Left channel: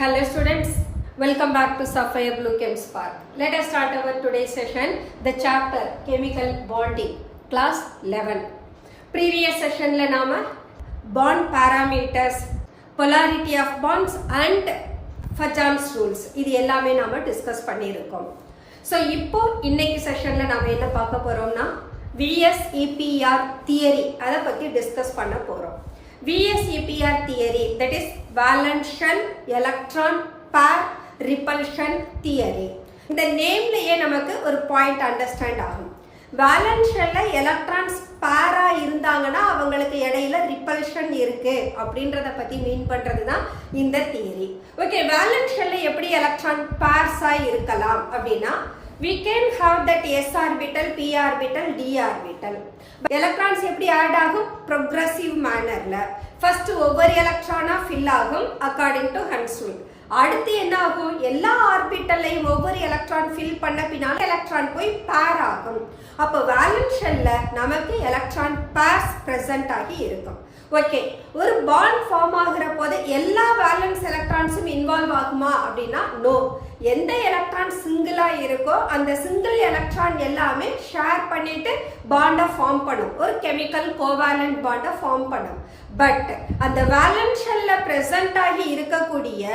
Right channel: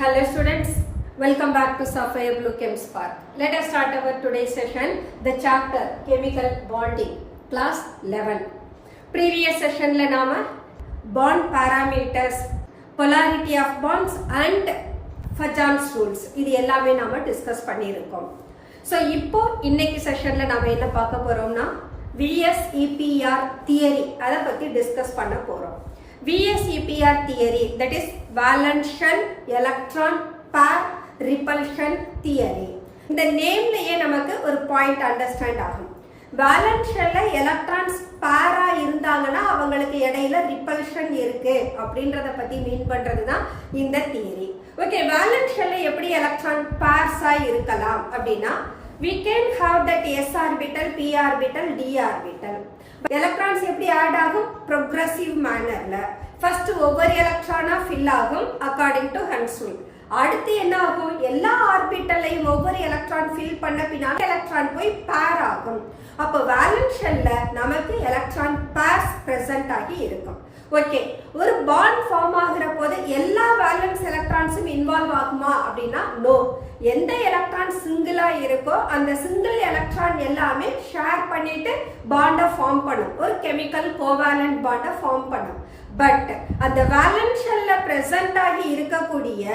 Hello students, welcome back to Sapphire Blue Chem Spark. Let us start our today's session, the chapter Chemical Bonding, class 11. Previous session la nama bond parameters, polarity of bonds and Fajans rules இது எல்லாமே நாம discuss பண்ணியிருக்கோம். So இப்போ இன்னைக்கு செஷன்ல நாம என்ன பார்க்க போறோம்னா VSEPR தியரி அதை பத்தி டிஸ்கஸ் பண்ண போறோம். VSEPR theory, that is valence shell electron pair repulsion theory. இந்த நேம்லயே நமக்கு ஒரு பாயிண்ட் அண்டர்ஸ்டாண்ட் ஆகும். வேலன்ஸ் ஷெல்ல எலக்ட்ரான்ஸ் பேரா இருந்தாங்கன்னா அவங்களுக்கு இடையில ரிப்பல்ஷன் இருக்கு அப்படின்றத பத்தி மீன் பண்றது தான் இந்த தியரி. ஓகே, வேலன்ஸ் ஷெல்ல எப்படி எலக்ட்ரான் பேர்ஸா இருக்கலாம் அப்படின்னா we can have that s orbital, p orbital, d orbital. Electrons எப்படி ஆட் ஆகும்? ப்ரோக்ரசிவ் மேனர்ல ஃபர்ஸ்ட் ஒவ்வொரு எலக்ட்ரானா ஃபில் ஆகும் அக்கார்டிங் டு ஹன்ஸ் ரூல். அடுத்து என்ன ஆகும்? எல்லா ஆர்பிட்டல்லையும் ஒவ்வொரு எலக்ட்ரான் ஃபில் பண்ண பின்னால எலக்ட்ரான் போய் பேர் ஆகும். அப்போ வேலன்ஸ் ஷெல்ல நமக்கு எலக்ட்ரான் பேர்ஸ் பிரசன்ட் ஆகி இருக்கும். ஓகே, ஒரு பாண்ட் ஃபார்ம் ஆகிற போது எல்லா வேலன்ஸ் எலக்ட்ரான்ஸும் இன்வால்வ் ஆகுமா அப்படின்னா நோ. எந்த எலக்ட்ரான் சிங்கிளா இருக்கோ அந்த சிங்கிள் எலக்ட்ரான் எல்லாமே ஷேர் பண்ணிட்டு பாண்டை ஃபார்ம் பண்ணும், ஒரு கெமிக்கல் கோவேலன்ட் பாண்டை ஃபார்ம் பண்ணும். பட் அந்த வேலன்ஸ் ஷெல்ல பிரசன்ட் ஆகி இருக்கக்கூடிய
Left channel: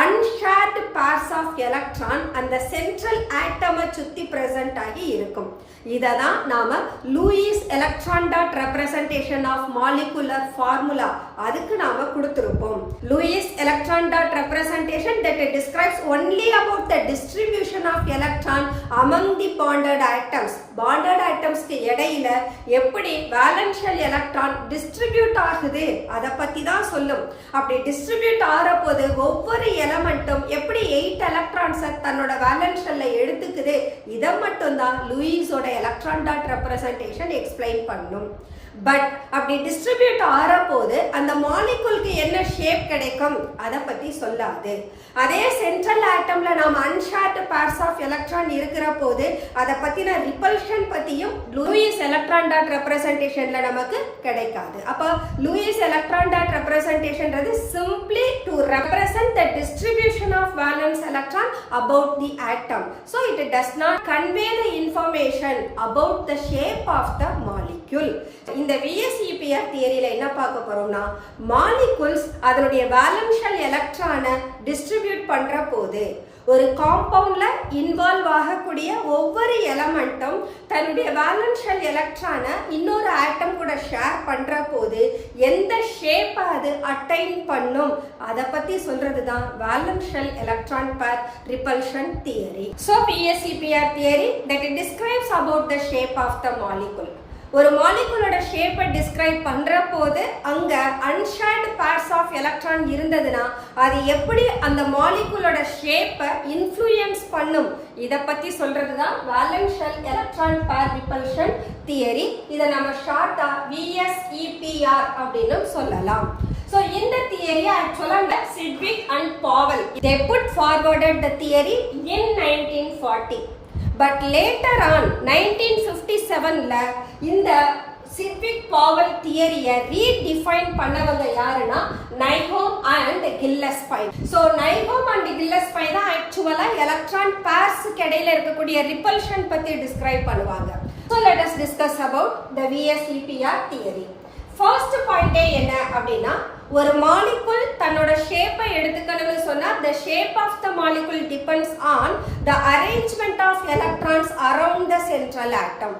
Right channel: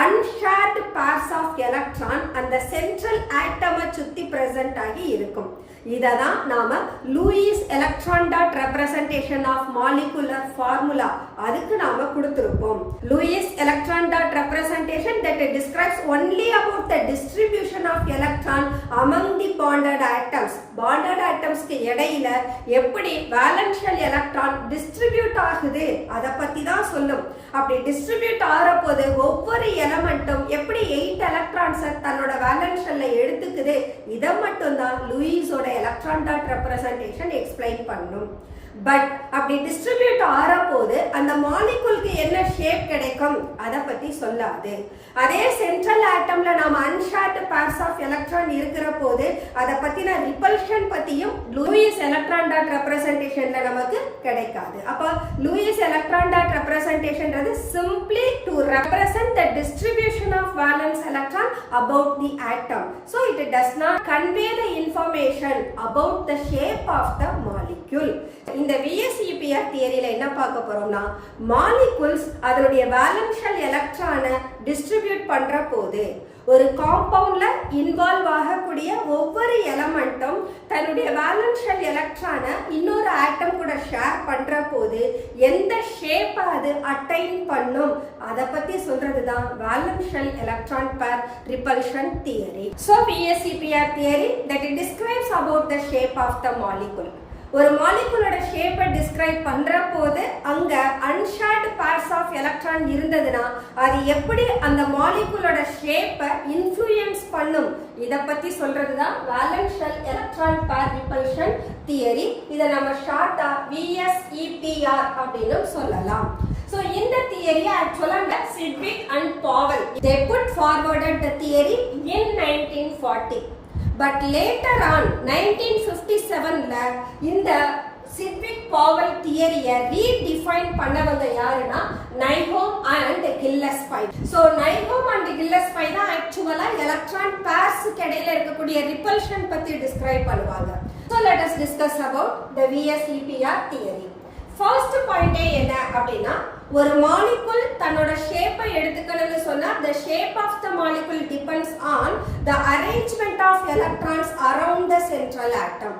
அன்ஷேர்டு பேர்ஸ் ஆஃப் எலக்ட்ரான் அந்த சென்ட்ரல் ஆட்டமை சுத்தி பிரசன்ட் ஆகி இருக்கும். இததான் நாம Lewis electron dot representation of molecular formula அதுக்கு நாம கொடுத்திருப்போம். Lewis electron dot representation that describes only about the distribution of electron among the bonded atoms. bonded atomsக்கு இடையில எப்படி வேலன்ஸ் ஷெல் எலக்ட்ரான் டிஸ்ட்ரிபியூட் ஆகுது அத பத்தி தான் சொல்லும். அப்படி டிஸ்ட்ரிபியூட் ஆற போது ஒவ்வொரு எலமெண்ட்டும் எப்படி 8 எலக்ட்ரான்ஸ் தன்னோட வேலன்ஸ் ஷெல்ல எடுத்துக்குது இத மட்டும் தான் லூயிஸோட எலக்ட்ரான் டாட் ரெப்ரசன்டேஷன் எக்ஸ்பிளைன் பண்ணும். பட் அப்படி டிஸ்ட்ரிபியூட் ஆற போது அந்த மாலிகுலுக்கு என்ன ஷேப் கிடைக்கும் அதை பத்தி சொல்லாது. அதே சென்ட்ரல் ஆட்டம்ல நாம அன்ஷேர்டு பேர்ஸ் ஆஃப் எலக்ட்ரான் இருக்கிற போது அதை பத்தின ரிப்பல்ஷன் பத்தியும் லூயிஸ் எலக்ட்ரான் டாட் ரெப்ரசன்டேஷன்ல நமக்கு கிடைக்காது. அப்ப லூயிஸ் எலக்ட்ரான் டாட் ரெப்ரசன்டேஷன்றது simply to represent the distribution of valence electron about the atom. So it does not convey the information about the shape of the molecule. இந்த VSEPR தியரியில என்ன பார்க்க போறோம்னா molecules அதனுடைய valence shell எலக்ட்ரானை distribute பண்ற போது ஒரு காம்பவுண்ட்ல இன்வால்வ் ஆகக்கூடிய ஒவ்வொரு எலமெண்ட்டும் தன்னுடைய வேலன்ஸ் ஷெல் எலக்ட்ரானை இன்னொரு ஆட்டம் கூட ஷேர் பண்ற போது எந்த ஷேப் அது அட்டைன் பண்ணும் அதை பத்தி சொல்றது தான் வேலன்ஸ் ஷெல் எலக்ட்ரான் பேர் repulsion theory. So VSEPR theory that it describes about the shape of the molecule. ஒரு மாலிகுலோட ஷேப்பை டிஸ்கிரைப் பண்ற போது அங்க அன்ஷேர்டு பேர்ஸ் ஆஃப் எலக்ட்ரான் இருந்ததுன்னா அது எப்படி அந்த மாலிகுலோட ஷேப்பை இன்ஃப்ளூயன்ஸ் பண்ணும் இத பத்தி சொல்றதுதான் வேலன்ஸ் ஷெல் எலக்ட்ரான் பேர் ரிப்பல்ஷன் தியரி. இதை நம்ம ஷார்ட்டா VSEPR அப்படின்னு சொல்லலாம். So in the theory actually Sidgwick and Powell they put forwarded the theory in 1940. But later on 1957ல இந்த சிட்விக் பாவல் தியரியை ரீடிஃபைன் பண்ணவங்க யாருன்னா நைஹோம் அண்ட் கில்லஸ்பை. ஸோ நைஹோம் அண்ட் கில்லஸ்பை தான் ஆக்சுவலா எலக்ட்ரான் பேர்ஸ்க்கு இடையில இருக்கக்கூடிய ரிப்பல்ஷன் பத்தி டிஸ்கிரைப் பண்ணுவாங்க. So let us discuss about the VSEPR theory. First பாயிண்டே என்ன அப்படின்னா ஒரு மாலிகுல் தன்னோட ஷேப்பை எடுத்துக்கணும்னு சொன்னா the shape of the molecule depends on the arrangement of electrons around the central atom.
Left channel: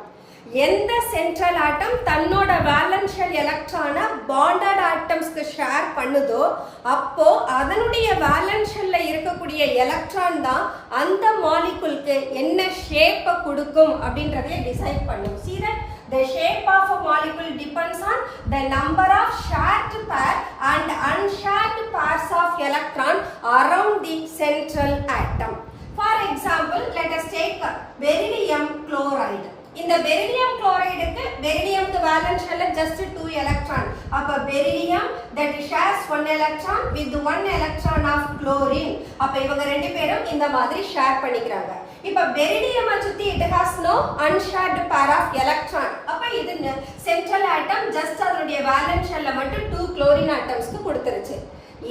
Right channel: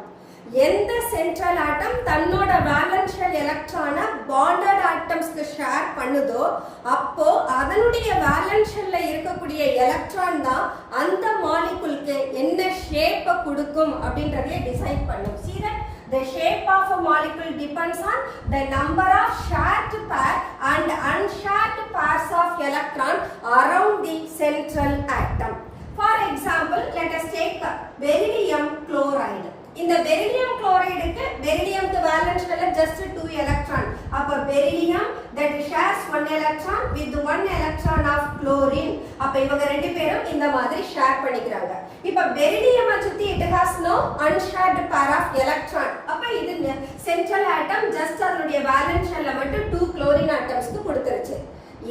எந்த சென்ட்ரல் ஆட்டம் தன்னோட வேலன்ஸ் ஷெல் எலக்ட்ரானை பாண்டட் ஆட்டம்ஸ்க்கு ஷேர் பண்ணுதோ அப்போ அதனுடைய வேலன்ஸ் ஷெல்ல இருக்கக்கூடிய எலக்ட்ரான் தான் அந்த மாலிகுலுக்கு என்ன ஷேப்பை கொடுக்கும் அப்படின்றதை டிசைட் பண்ணும். See that the shape of a molecule depends on the number of shared pair and unshared pairs of electron around the central atom. For example, let us take beryllium chloride. இந்த beryllium chlorideக்கு berylliumக்கு valence shell just 2 electron. அப்ப beryllium that shares 1 electron with 1 electron of chlorine. அப்ப இவங்க ரெண்டு பேரும் இந்த மாதிரி share பண்ணிக்கிறாங்க. இப்ப beryllium சுத்தி it has no unshared pair of electron. அப்ப இது central atom just அதனுடைய valence shell மட்டும் 2 chlorine atomsக்கு கொடுத்துருச்சு.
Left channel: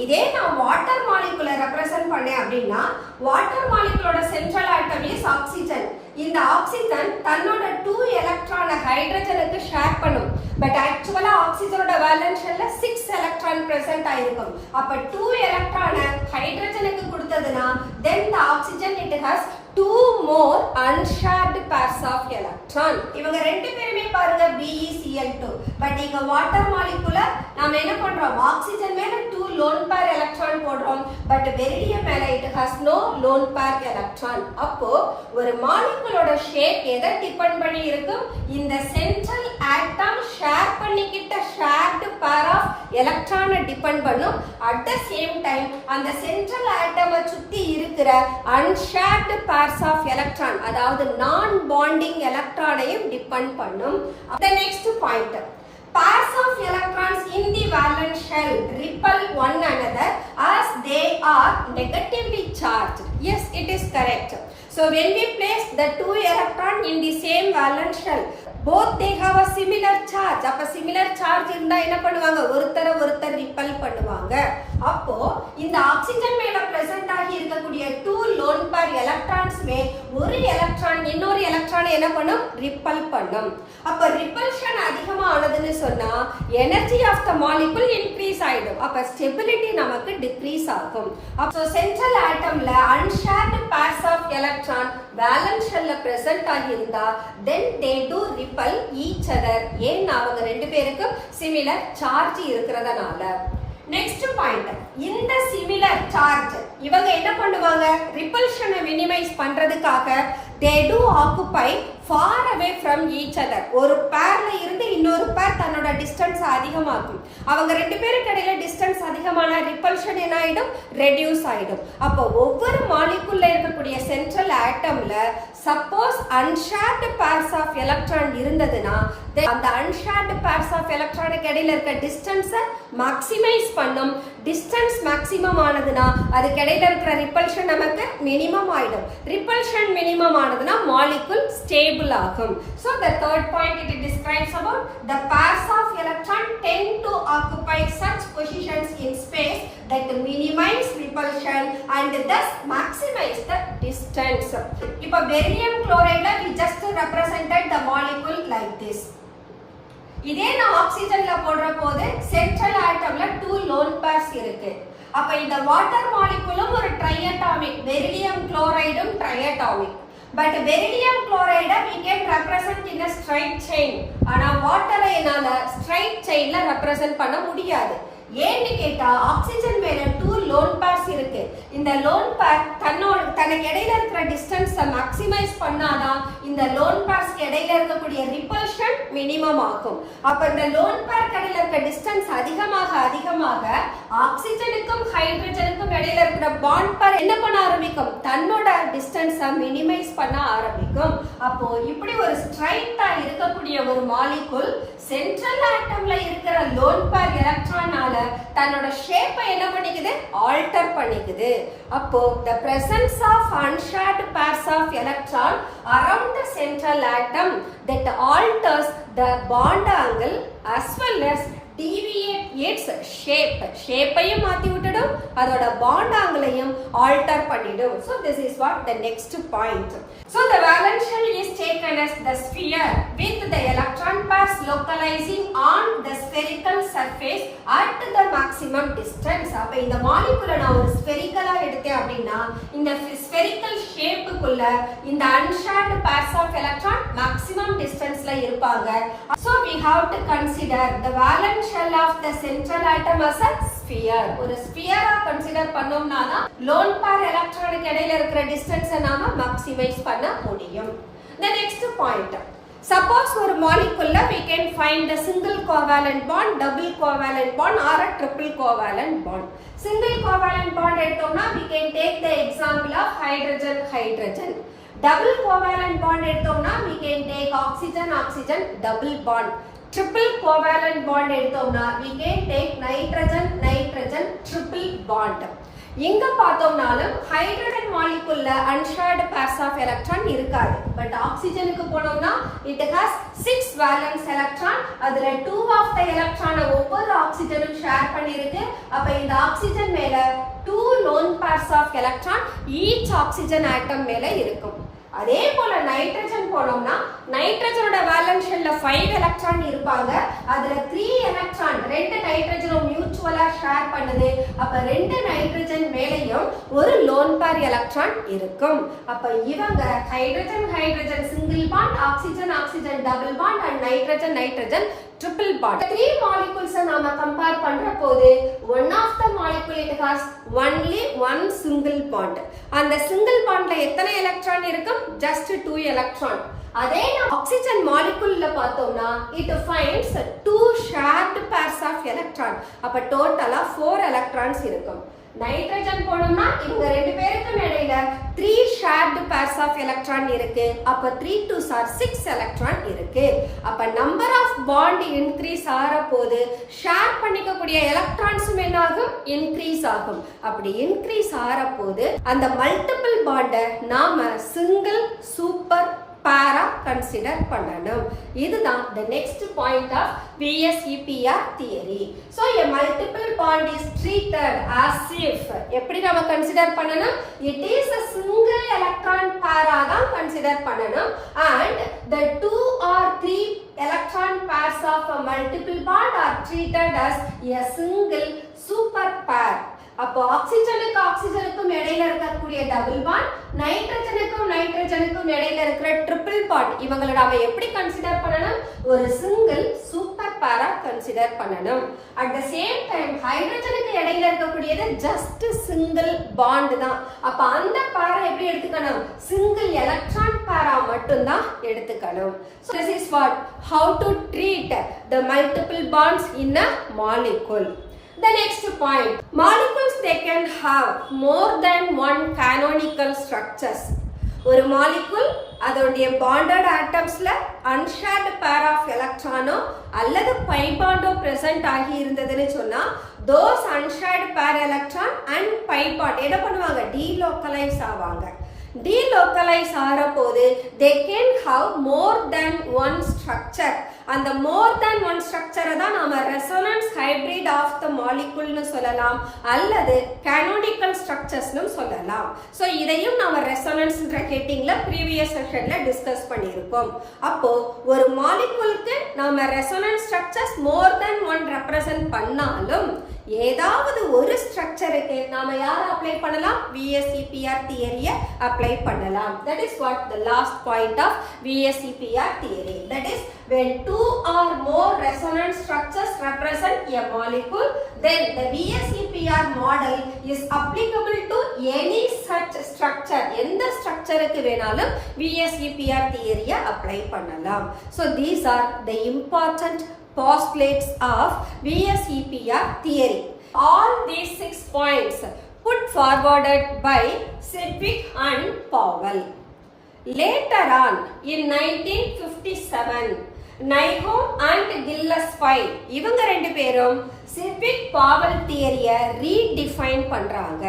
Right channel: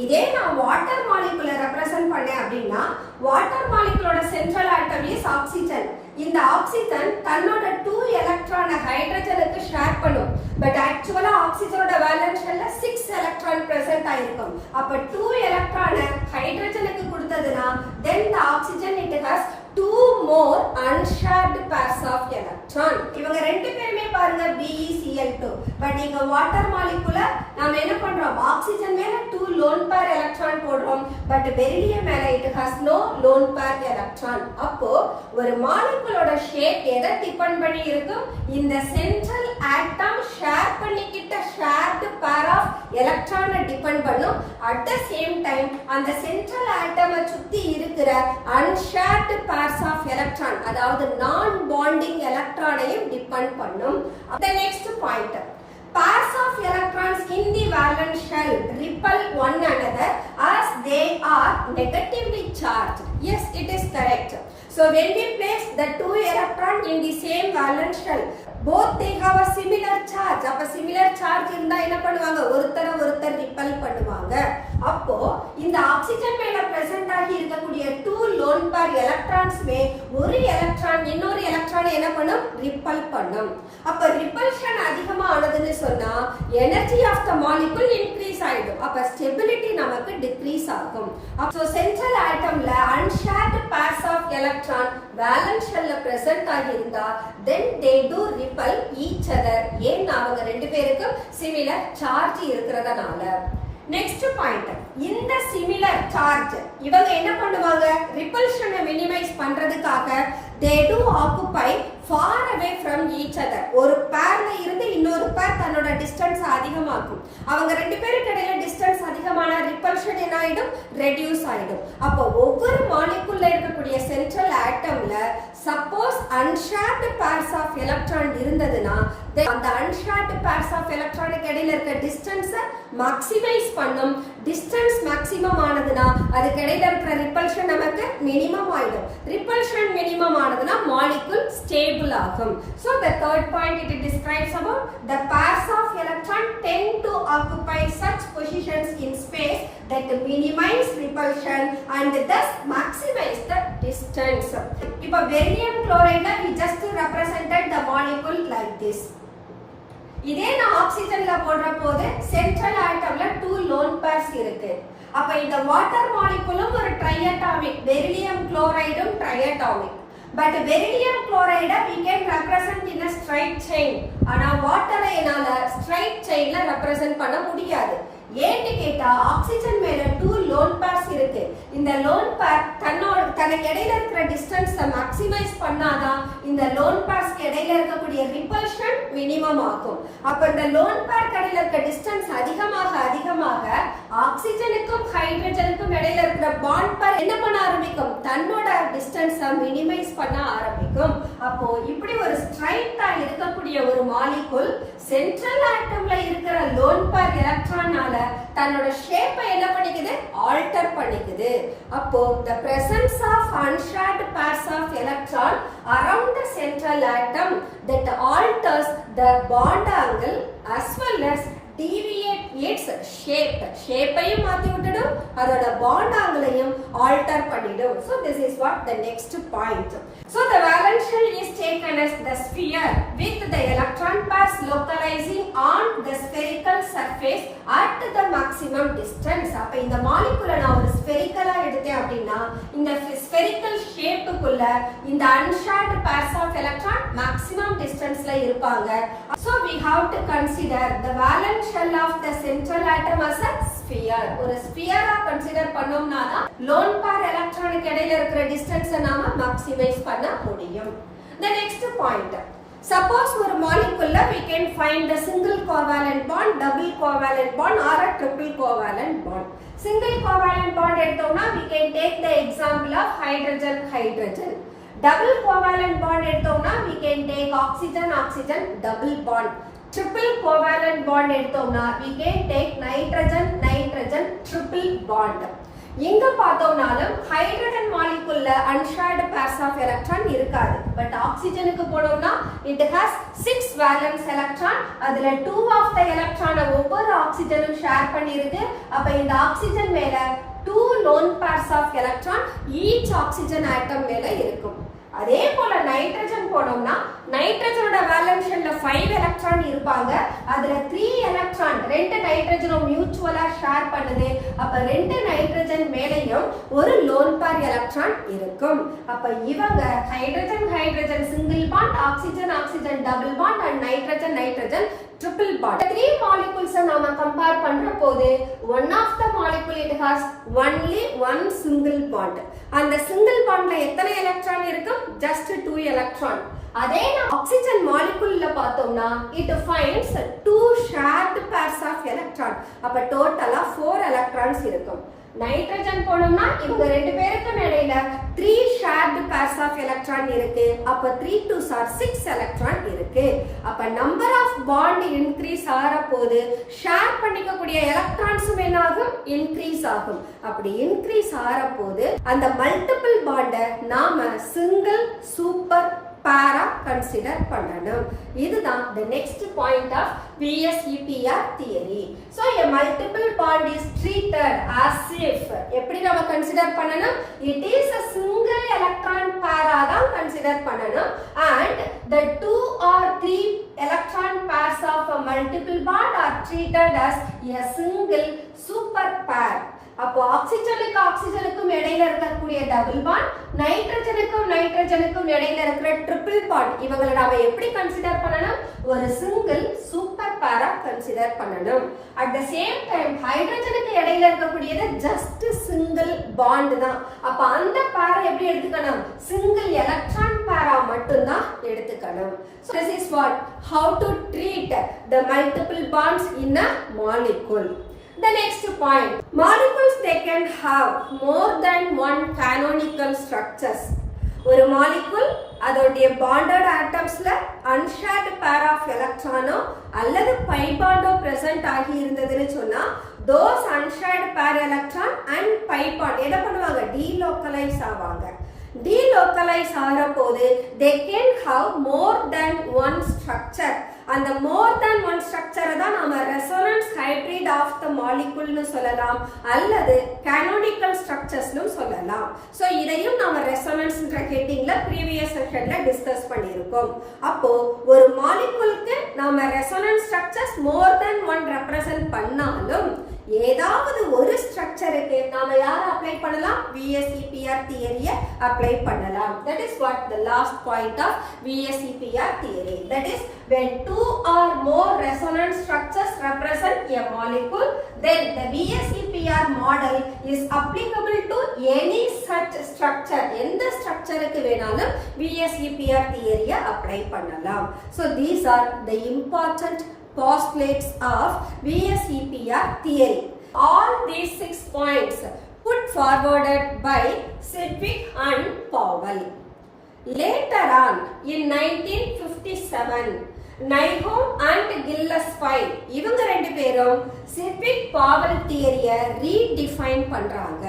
இதே நான் வாட்டர் மாலிகுலை ரெப்ரசன்ட் பண்ணேன் அப்படின்னா வாட்டர் மாலிகுலோட சென்ட்ரல் ஆட்டம் இஸ் ஆக்சிஜன். இந்த ஆக்சிஜன் தன்னோட 2 எலக்ட்ரானை ஹைட்ரஜனுக்கு ஷேர் பண்ணும். பட் ஆக்சுவலா ஆக்சிஜனோட வேலன்ஸ் ஷெல்ல 6 எலக்ட்ரான் பிரசன்ட் ஆயிருக்கும். அப்ப 2 எலக்ட்ரானை ஹைட்ரஜனுக்கு கொடுத்ததுனா then the oxygen it has 2 more unshared pairs of electron. இவங்க ரெண்டு பேருமே பாருங்க BeCl2. பட் இங்க வாட்டர் மாலிகுல நாம என்ன பண்றோம், ஆக்சிஜன் மேல 2 lone pair electron போடுறோம். பட் பெரிலியம் மேல it has no lone pair electron. அப்போ ஒரு மாலிகுலோட ஷேப் எதை டிபெண்ட் பண்ணி இருக்கும், இந்த சென்ட்ரல் ஆட்டம் ஷேர் பண்ணிக்கிட்ட ஷேர்டு பேர் ஆஃப் எலக்ட்ரானை டிபெண்ட் பண்ணும். அட் த சேம் டைம் அந்த சென்ட்ரல் ஆட்டமை சுத்தி இருக்கிற அன்ஷேர்டு பேர்ஸ் ஆஃப் எலக்ட்ரான், அதாவது நான் பாண்டிங் எலக்ட்ரானையும் டிபெண்ட் பண்ணும். The next point, pairs of electrons in the valence shell repel one another as they are negatively charged. Yes, it is correct. So when we place the 2 electron in the same valence shell, both they have a similar charge. அப்ப similar charge இருந்தா என்ன பண்ணுவாங்க, ஒருத்தர் ripple பண்ணுவாங்க. அப்போ இந்த oxygen மேல present ஆகி இருக்கக்கூடிய 2 lone pair எலக்ட்ரான்ஸ்மே ஒரு எலக்ட்ரான் இன்னொரு எலக்ட்ரானை என்ன பண்ணும், ரிப்பல் பண்ணும். அப்ப ரிப்பல்ஷன் அதிகமா ஆனதுன்னு சொன்னா energy of the molecule increase ஆயிடும். அப்ப ஸ்டெபிலிட்டி நமக்கு டிக்ரீஸ் ஆகும். அப்போ சென்ட்ரல் ஆட்டம்ல unshared pairs of electron valence ஷெல்ல பிரசன்ட் ஆகி இருந்தா then they do repel each other. ஏன், அவங்க ரெண்டு பேருக்கும் சிமிலர் சார்ஜ் இருக்கிறதுனால. நெக்ஸ்ட் பாயிண்ட், இந்த சிமிலர் சார்ஜ் இவங்க என்ன பண்ணுவாங்க, ரிப்பல்ஷனை மினிமைஸ் பண்றதுக்காக they do occupy far away from each other. ஒரு பேர்ல இருந்து இன்னொரு பேர் தன்னோட டிஸ்டன்ஸ் அதிகமாக்கும். அவங்க ரெண்டு பேருக்கு இடையில டிஸ்டன்ஸ் அதிகமான ரிப்பல்ஷன் என்ன ஆயிடும், ரெடியூஸ் ஆயிடும். அப்போ ஒவ்வொரு மாலிகுல்ல இருக்கக்கூடிய சென்ட்ரல் ஆட்டம்ல suppose unshared pairs of electron இருந்ததுன்னா அந்த அன்ஷேர்டு பேர்ஸ் ஆஃப் எலக்ட்ரானுக்கு இடையில இருக்க டிஸ்டன்ஸை மேக்ஸிமைஸ் பண்ணும். டிஸ்டன்ஸ் மேக்ஸிமம் ஆனதுன்னா அதுக்கு இடையில இருக்கிற ரிப்பல்ஷன் நமக்கு மினிமம் ஆயிடும். ரிப்பல்ஷன் மினிமம் ஆனதுன்னா மாலிகுல் ஸ்டேபிள் ஆகும். So the third point it describes about the pairs of electron tend to occupy such positions in space that minimize repulsion and thus maximize the distance. இப்போ barium chloride we just represented the molecule like this. இதே நான் ஆக்சிஜன்ல போடுற போது central ஆட்டம்ல 2 lone pairs இருக்கு. அப்ப இந்த water மாலிகுலும் ஒரு ட்ரைஅட்டாமிக், பெரிலியம் குளோரைடும் ட்ரைஅட்டாமிக். பட் பெரிலியம் குளோரைடை we can represent in a straight chain. ஆனா வாட்டரை என்னால straight chainல ரெப்ரசன்ட் பண்ண முடியாது. ஏன்னு கேட்டா ஆக்சிஜன் மேல 2 lone pairs இருக்கு. இந்த lone pair தனக்கு இடையில இருக்கிற டிஸ்டன்ஸை மேக்ஸிமைஸ் பண்ணாதான் இந்த lone pairs இடையில இருக்கக்கூடிய ரிப்பல்ஷன் மினிமம் ஆகும். அப்ப இந்த lone pair இடையில இருக்க டிஸ்டன்ஸ் அதிகமாக ஆக்சிஜனுக்கும் ஹைட்ரஜனுக்கும் இடையில இருக்கிற பாண்ட் pair என்ன பண்ண ஆரம்பிக்கும், தன்னோட டிஸ்டன்ஸை மினிமைஸ் பண்ண ஆரம்பிக்கும். அப்போ இப்படி ஒரு ஸ்ட்ரைட்டா இருக்கக்கூடிய ஒரு மாலிகுல் சென்ட்ரல் ஆட்டம்ல இருக்கிற lone pair எலக்ட்ரானால தன்னோட ஷேப்பை என்ன பண்ணிக்குது, ஆல்டர் பண்ணிக்குது. அப்போ the presence of unshared pairs of electron around the central atom that alters the bond angle as well as deviate its shape. ஷேப்பையும் மாத்தி விட்டுடும், அதோட பாண்ட் ஆங்கிளையும் ஆல்டர் பண்ணிடும். So this is what the next point. So the valence shell is taken as the sphere with the electron pairs localizing on the spherical surface at the maximum distance. அப்ப இந்த மாலிகுலை நான் ஒரு ஸ்பெரிக்கலா எடுத்தேன் அப்படின்னா இந்த spherical ஷேப்புக்குள்ள இந்த unshared pairs of electron maximum distanceல இருப்பாங்க. So we have to consider the valence shell of the central atom as a sphere. ஒரு ஸ்பியரா கன்சிடர் பண்ணோம்னா தான் lone pair எலக்ட்ரானுக்கு இடையில இருக்கிற டிஸ்டன்ஸை நாம மேக்ஸிமைஸ் பண்ண முடியும். The next point, suppose ஒரு மாலிகுல்ல we can find the single covalent bond, double covalent bond or a triple covalent bond. Single covalent bond எடுத்தோம்னா we can take the example of hydrogen. Double covalent bond எடுத்தோம்னா we can take oxygen double bond. Triple covalent bond எடுத்தோம்னா we can take nitrogen triple bond. இங்க பார்த்தோம்னாலும் hydrogen மாலிகுல்ல unshared pairs of electron இருக்காது. But ஆக்சிஜனுக்கு போனோம்னா it has 6 valence electron. அதுல 2 of the எலக்ட்ரானை ஒவ்வொரு ஆக்சிஜனும் share பண்ணிருக்கு. அப்ப இந்த ஆக்சிஜன் மேல 2 lone pairs of electron each oxygen atom மேல இருக்கும். அதே போல நைட்ரஜன் போனோம்னா நைட்ரஜனோட வேலன்ஸ் ஷெல்ல 5 எலக்ட்ரான் இருப்பாங்க. அதுல 3 எலக்ட்ரான் 2 நைட்ரஜனும் மியூச்சுவலா ஷேர் பண்ணுது. அப்ப 2 நைட்ரஜன் மேலேயும் ஒரு லோன் பேர் எலக்ட்ரான் இருக்கும். அப்ப இவங்க hydrogen hydrogen single bond, oxygen oxygen double bond and nitrogen nitrogen triple bond. 3 molecules நாம கம்பேர் பண்ற போது one of the molecule it has only one single bond. அந்த single bondல எத்தனை எலக்ட்ரான் இருக்கும்? just 2 electron. அதே ஆக்சிஜன் மாலிகுல்ல பார்த்தோம்னா it finds 2 shared pairs of electron. அப்ப டோட்டலா 4 எலக்ட்ரான்ஸ் இருக்கும். நைட்ரஜன் போனோம்னா இவங்க ரெண்டு பேருக்கும் இடையில 3 shared pairs of electron இருக்கு. அப்ப 3 2s are 6 electron இருக்கு. அப்ப number of bond increase ஆற போது ஷேர் பண்ணிக்க கூடிய எலக்ட்ரான்ஸும் என்ன ஆகும்? இன்க்ரீஸ் ஆகும். அப்படி இன்க்ரீஸ் ஆற போது அந்த மல்டிபிள் பாண்ட நாம சிங்கிள் சூப்பர் பேரா கன்சிடர் பண்ணணும். இதுதான் the next point of VSEPR theory. So a multiple bond is treated as if எப்படி நாம கன்சிடர் பண்ணணும்? It is a single electron pair தான் கன்சிடர் பண்ணணும். And the 2 or 3 electron pairs of a multiple bond are treated as a single super pair. அப்போ ஆக்சிஜனுக்கு ஆக்சிஜனுக்கும் இடையில இருக்கக்கூடிய double bond, நைட்ரஜனுக்கும் நைட்ரஜனுக்கும் இடையில இருக்கிற ட்ரிபிள் பாண்ட், இவங்களை நாம எப்படி கன்சிடர் பண்ணணும்? ஒரு சிங்கிள் சூப்பர் பேரா கன்சிடர் பண்ணணும். அட் த சேம் டைம் ஹைட்ரஜனுக்கு இடையில இருக்கக்கூடியது ஜஸ்ட் சிங்கிள் பாண்ட் தான். அப்ப அந்த பேரை எப்படி எடுத்துக்கணும்? சிங்கிள் எலக்ட்ரான் பேரா மட்டும்தான் எடுத்துக்கணும். So this is what how to treat the multiple bonds in a molecule. The next point, molecules they can have more than one canonical structures. ஒரு molecule அதோடைய bonded atomsல unshared pair of electronோ அல்லது pi bondோ present ஆகி இருந்ததுன்னு சொன்னா those unshared pair electron and pi bond என்ன பண்ணுவாங்க? delocalize ஆவாங்க. delocalize ஆற போது they can have more than one structure. அந்த more than one structure தான் நாம resonance hybrid of the molecule னு சொல்லலாம் அல்லது canonical structures னு சொல்லலாம். சோ இதையும் நாம resonance ன்ற ஹெட்டிங்ல previous செஷன்ல டிஸ்கஸ் பண்ணியிருக்கோம். அப்போ ஒரு மாலிகுலுக்கு நாம resonance structures more than one represent பண்ணாலும் ஏதாவது ஒரு ஸ்ட்ரக்சருக்கு நாம யார அப்ளை பண்ணலாம்? VSEPR தியரிய அப்ளை பண்ணலாம். That is what the last point of VSEPR theory. That is when 2 or more resonance structures represent a molecule, then the VSEPR model is applicable to any such structure. எந்த ஸ்ட்ரக்சருக்கு வேணாலும் VSEPR தியரிய apply பண்ணலாம். So these are the important postulates of VSEPR theory. All these 6 points put forwarded by Sedgwick and Powell. Later on in 1957, Nyholm and Gillespie இவங்க ரெண்டு பேரும் Sedgwick Powell தியரியை redefine பண்றாங்க.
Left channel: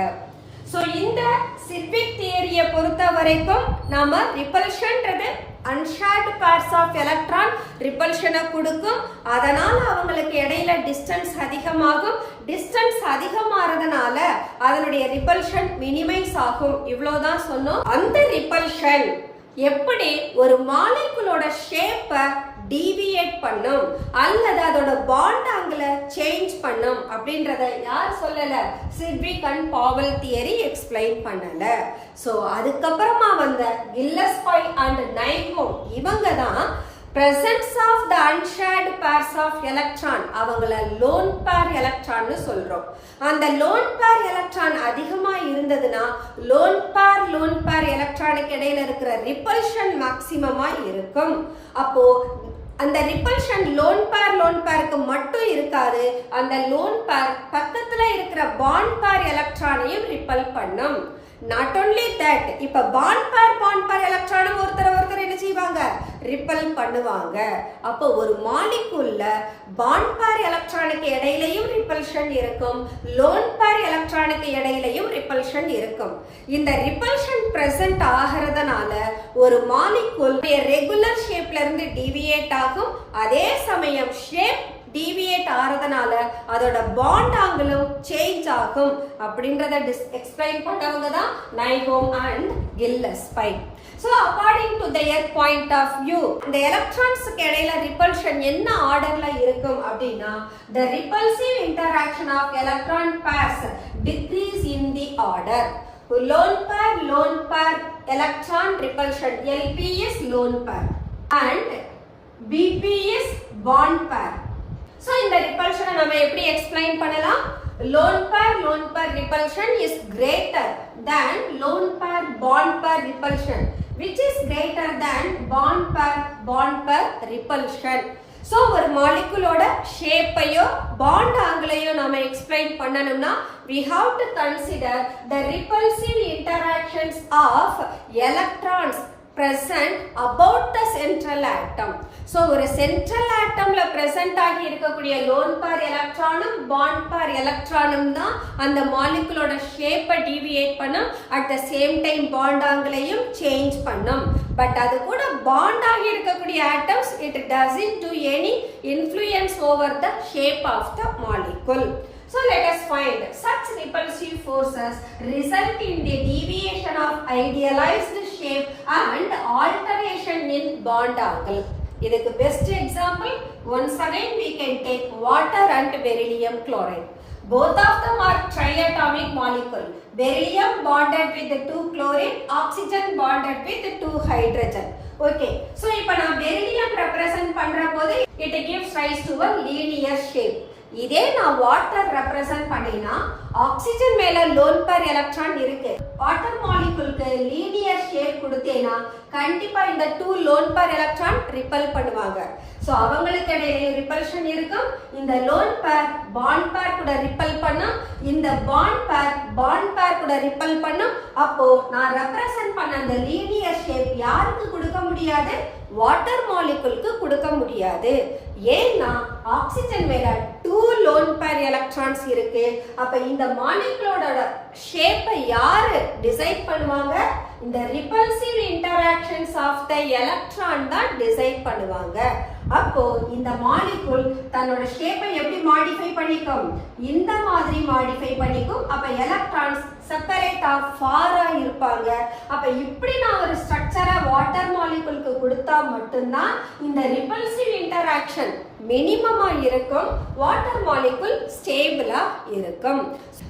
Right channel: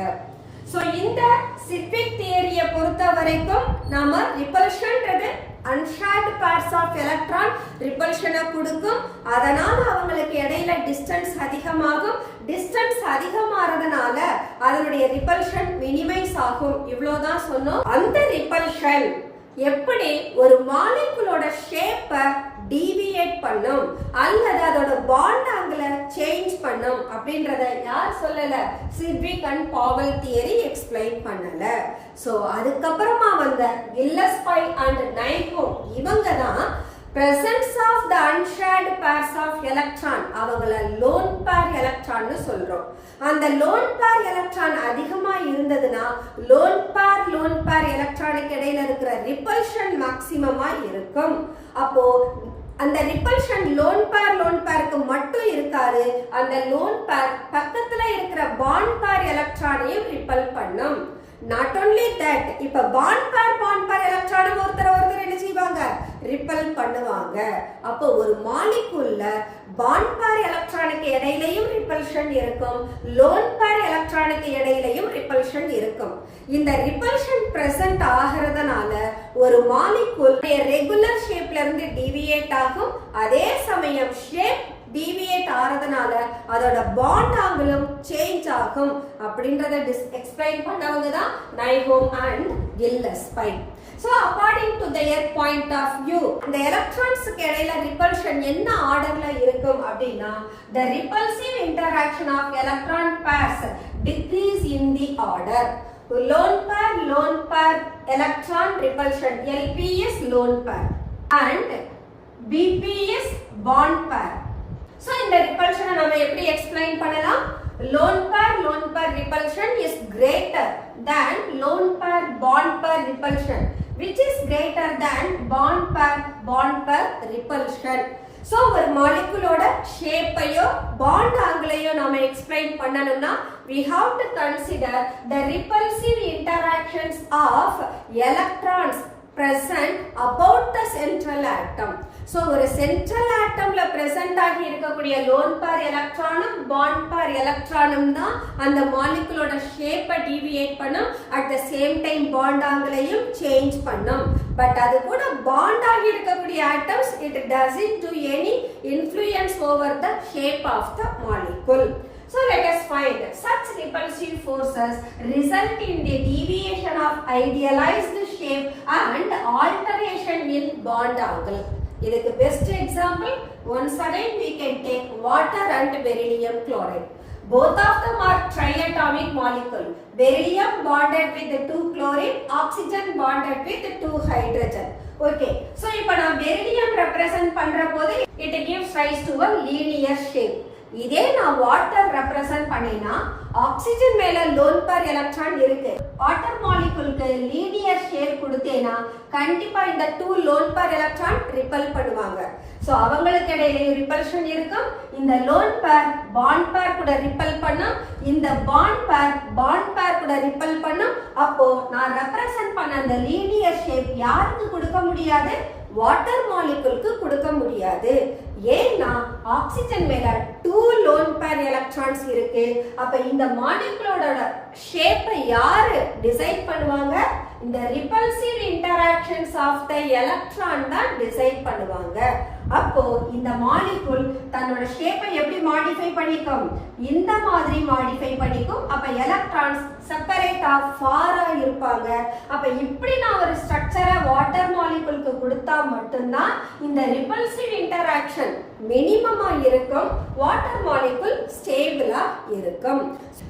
So இந்த Sedgwick தியரியை பொறுத்த வரைக்கும் நாம ரிபல்ஷன்றது unshared pairs of electron ரிபல்ஷனை கொடுக்கும். அதனால அவங்களுக்கு இடையில டிஸ்டன்ஸ் அதிகமாகும். டிஸ்டன்ஸ் அதிகமாறதுனால அதனுடைய ரிபல்ஷன் மினிமைஸ் ஆகும். இவ்வளவுதான் சொன்னோம். அந்த ரிபல்ஷன் எப்படி ஒரு மாலிகுலோட ஷேப்பை டீவியேட் பண்ணும் அல்லது அதோட பாண்ட் ஆங்கிள சேஞ்ச் பண்ணும் அப்படின்றத யார் சொல்லல? சிட்விக் அண்ட் பாவல் தியரி எக்ஸ்பிளைன் பண்ணல. சோ அதுக்கப்புறமா வந்த கில்லஸ்பை அண்ட் நைஹோம் இவங்க தான் presence of the unshared pairs of electron அவங்கள lone pair electron னு சொல்றோம். அந்த lone pair electron அதிகமா இருந்ததுன்னா lone pair electronic இடையில இருக்கிற repulsion maximum-ஆ இருக்கும். அப்போ அந்த ரிபல்ஷன் லோன் பேருக்கு மட்டும் இருக்காது. அந்த லோன் பேர் பக்கத்துல இருக்கிற பாண்ட் பேர் எலக்ட்ரானையும் ரிப்பல் பண்ணும். நாட் ஓன்லி தட், இப்ப பாண்ட் பேர் எலக்ட்ரானும் ஒருத்தர் என்ன செய்வாங்க? ரிப்பல் பண்ணுவாங்க. அப்போ ஒரு மாலிகுல்ல பாண்ட் பேர் எலக்ட்ரானுக்கு இடையிலையும் ரிப்பல்ஷன் இருக்கும், லோன் பேர் எலக்ட்ரானுக்கு இடையிலையும் ரிப்பல்ஷன் இருக்கும். இந்த ரிப்பல்ஷன் பிரசன்ட் ஆகிறதுனால ஒரு மாலிகூல் ரெகுலர் ஷேப்ல இருந்து டிவியேட் ஆகும். அதே சமயம் ஷேப் டிவியேட் ஆகிறதுனால அதோட பாண்ட் ஆங்கிளும் சேஞ்ச் ஆகும் அப்படின்றத எக்ஸ்பிளைன் பண்ணவங்க தான் நைஹோம் and கில்லஸ்பை. So according to their point of view, இந்த எலக்ட்ரான்ஸ்க்கு இடையில ரிப்பல்ஷன் என்ன ஆர்டர்ல இருக்கும் அப்படின்னா the repulsive interaction of electron pairs decrease in the order. Lone pair electron repulsion LP is lone pair and BP is bond pair. So இந்த repulsion நம்ம எப்படி explain பண்ணலாம்? Lone pair repulsion is greater than lone pair bond pair repulsion, which is greater than bond pair repulsion. So ஒரு மாலிகுலோட ஷேப்பையோ bond ஆங்கிளையோ நாம explain பண்ணணும்னா we have to consider the repulsive interactions of electrons present about the central atom. So ஒரு central atomல present ஆகி இருக்கக்கூடிய lone pair electronum bond pair electronum தான் அந்த மாலிகுலோட ஷேப்பை deviate பண்ணும். at the same time bond ஆங்கிளையும் சேஞ்ச் பண்ணும். பட் அது கூட பாண்ட் ஆகி இருக்கக்கூடிய atoms it doesn't do any influence over the shape of the molecule. So let us find such repulsive forces result in the deviation of idealized shape and alteration in bond angle. இதுக்கு best example once again we can take water and beryllium chloride. Both of them are triatomic molecule. Beryllium bonded with the 2 chlorine, oxygen bonded with the 2 hydrogen. Okay, so இப்போ நான் beryllium represent பண்ற போது it gives rise to a linear shape. இதே நான் water represent பண்ணினா oxygen மேல loan pair electron இருக்கு. Water மாலிகுலுக்கு linear shape கொடுத்தேனா கண்டிப்பா இந்த 2 லோன் பேர் எலக்ட்ரான் ரிப்பல் பண்ணுவாங்க. சோ அவங்களுக்கு இடையில ரிப்பல்ஷன் இருக்கும். இந்த லோன் பேர் பாண்ட் பேர் கூட ரிப்பல் பண்ணும். இந்த பாண்ட் பேர் கூட ரிப்பல் பண்ணும். அப்போ நான் ரெப்ரசன்ட் பண்ண அந்த லீனியர் ஷேப் யாருக்கு கொடுக்க முடியாது? வாட்டர் மாலிகுலுக்கு கொடுக்க முடியாது. ஏன்னா ஆக்சிஜன் மேல 2 லோன் பேர் எலக்ட்ரான்ஸ் இருக்கு. அப்ப இந்த மாலிகுலோட ஷேப்பை யாரு டிசைட் பண்ணுவாங்க? இந்த repulsive interactions of the electron தான் டிசைட் பண்ணுவாங்க. அப்போ இந்த மாலிகுல் தன்னோட ஷேப்பை எப்படி மாடிஃபை பண்ணிக்கும்? இந்த மாதிரி மாடிஃபை பண்ணிக்கும். அப்ப எலக்ட்ரான்ஸ் செப்பரேட்டா ஃபாரா இருப்பாங்க. அப்ப இப்படி நான் ஒரு ஸ்ட்ரக்சரை வாட்டர் மாலிகுலுக்கு கொடுத்தா மட்டும்தான் இந்த ரிப்பல்சிவ் இன்டராக்ஷன் மினிமமா இருக்கும். வாட்டர் மாலிகுல் ஸ்டேபிளா இருக்கும்.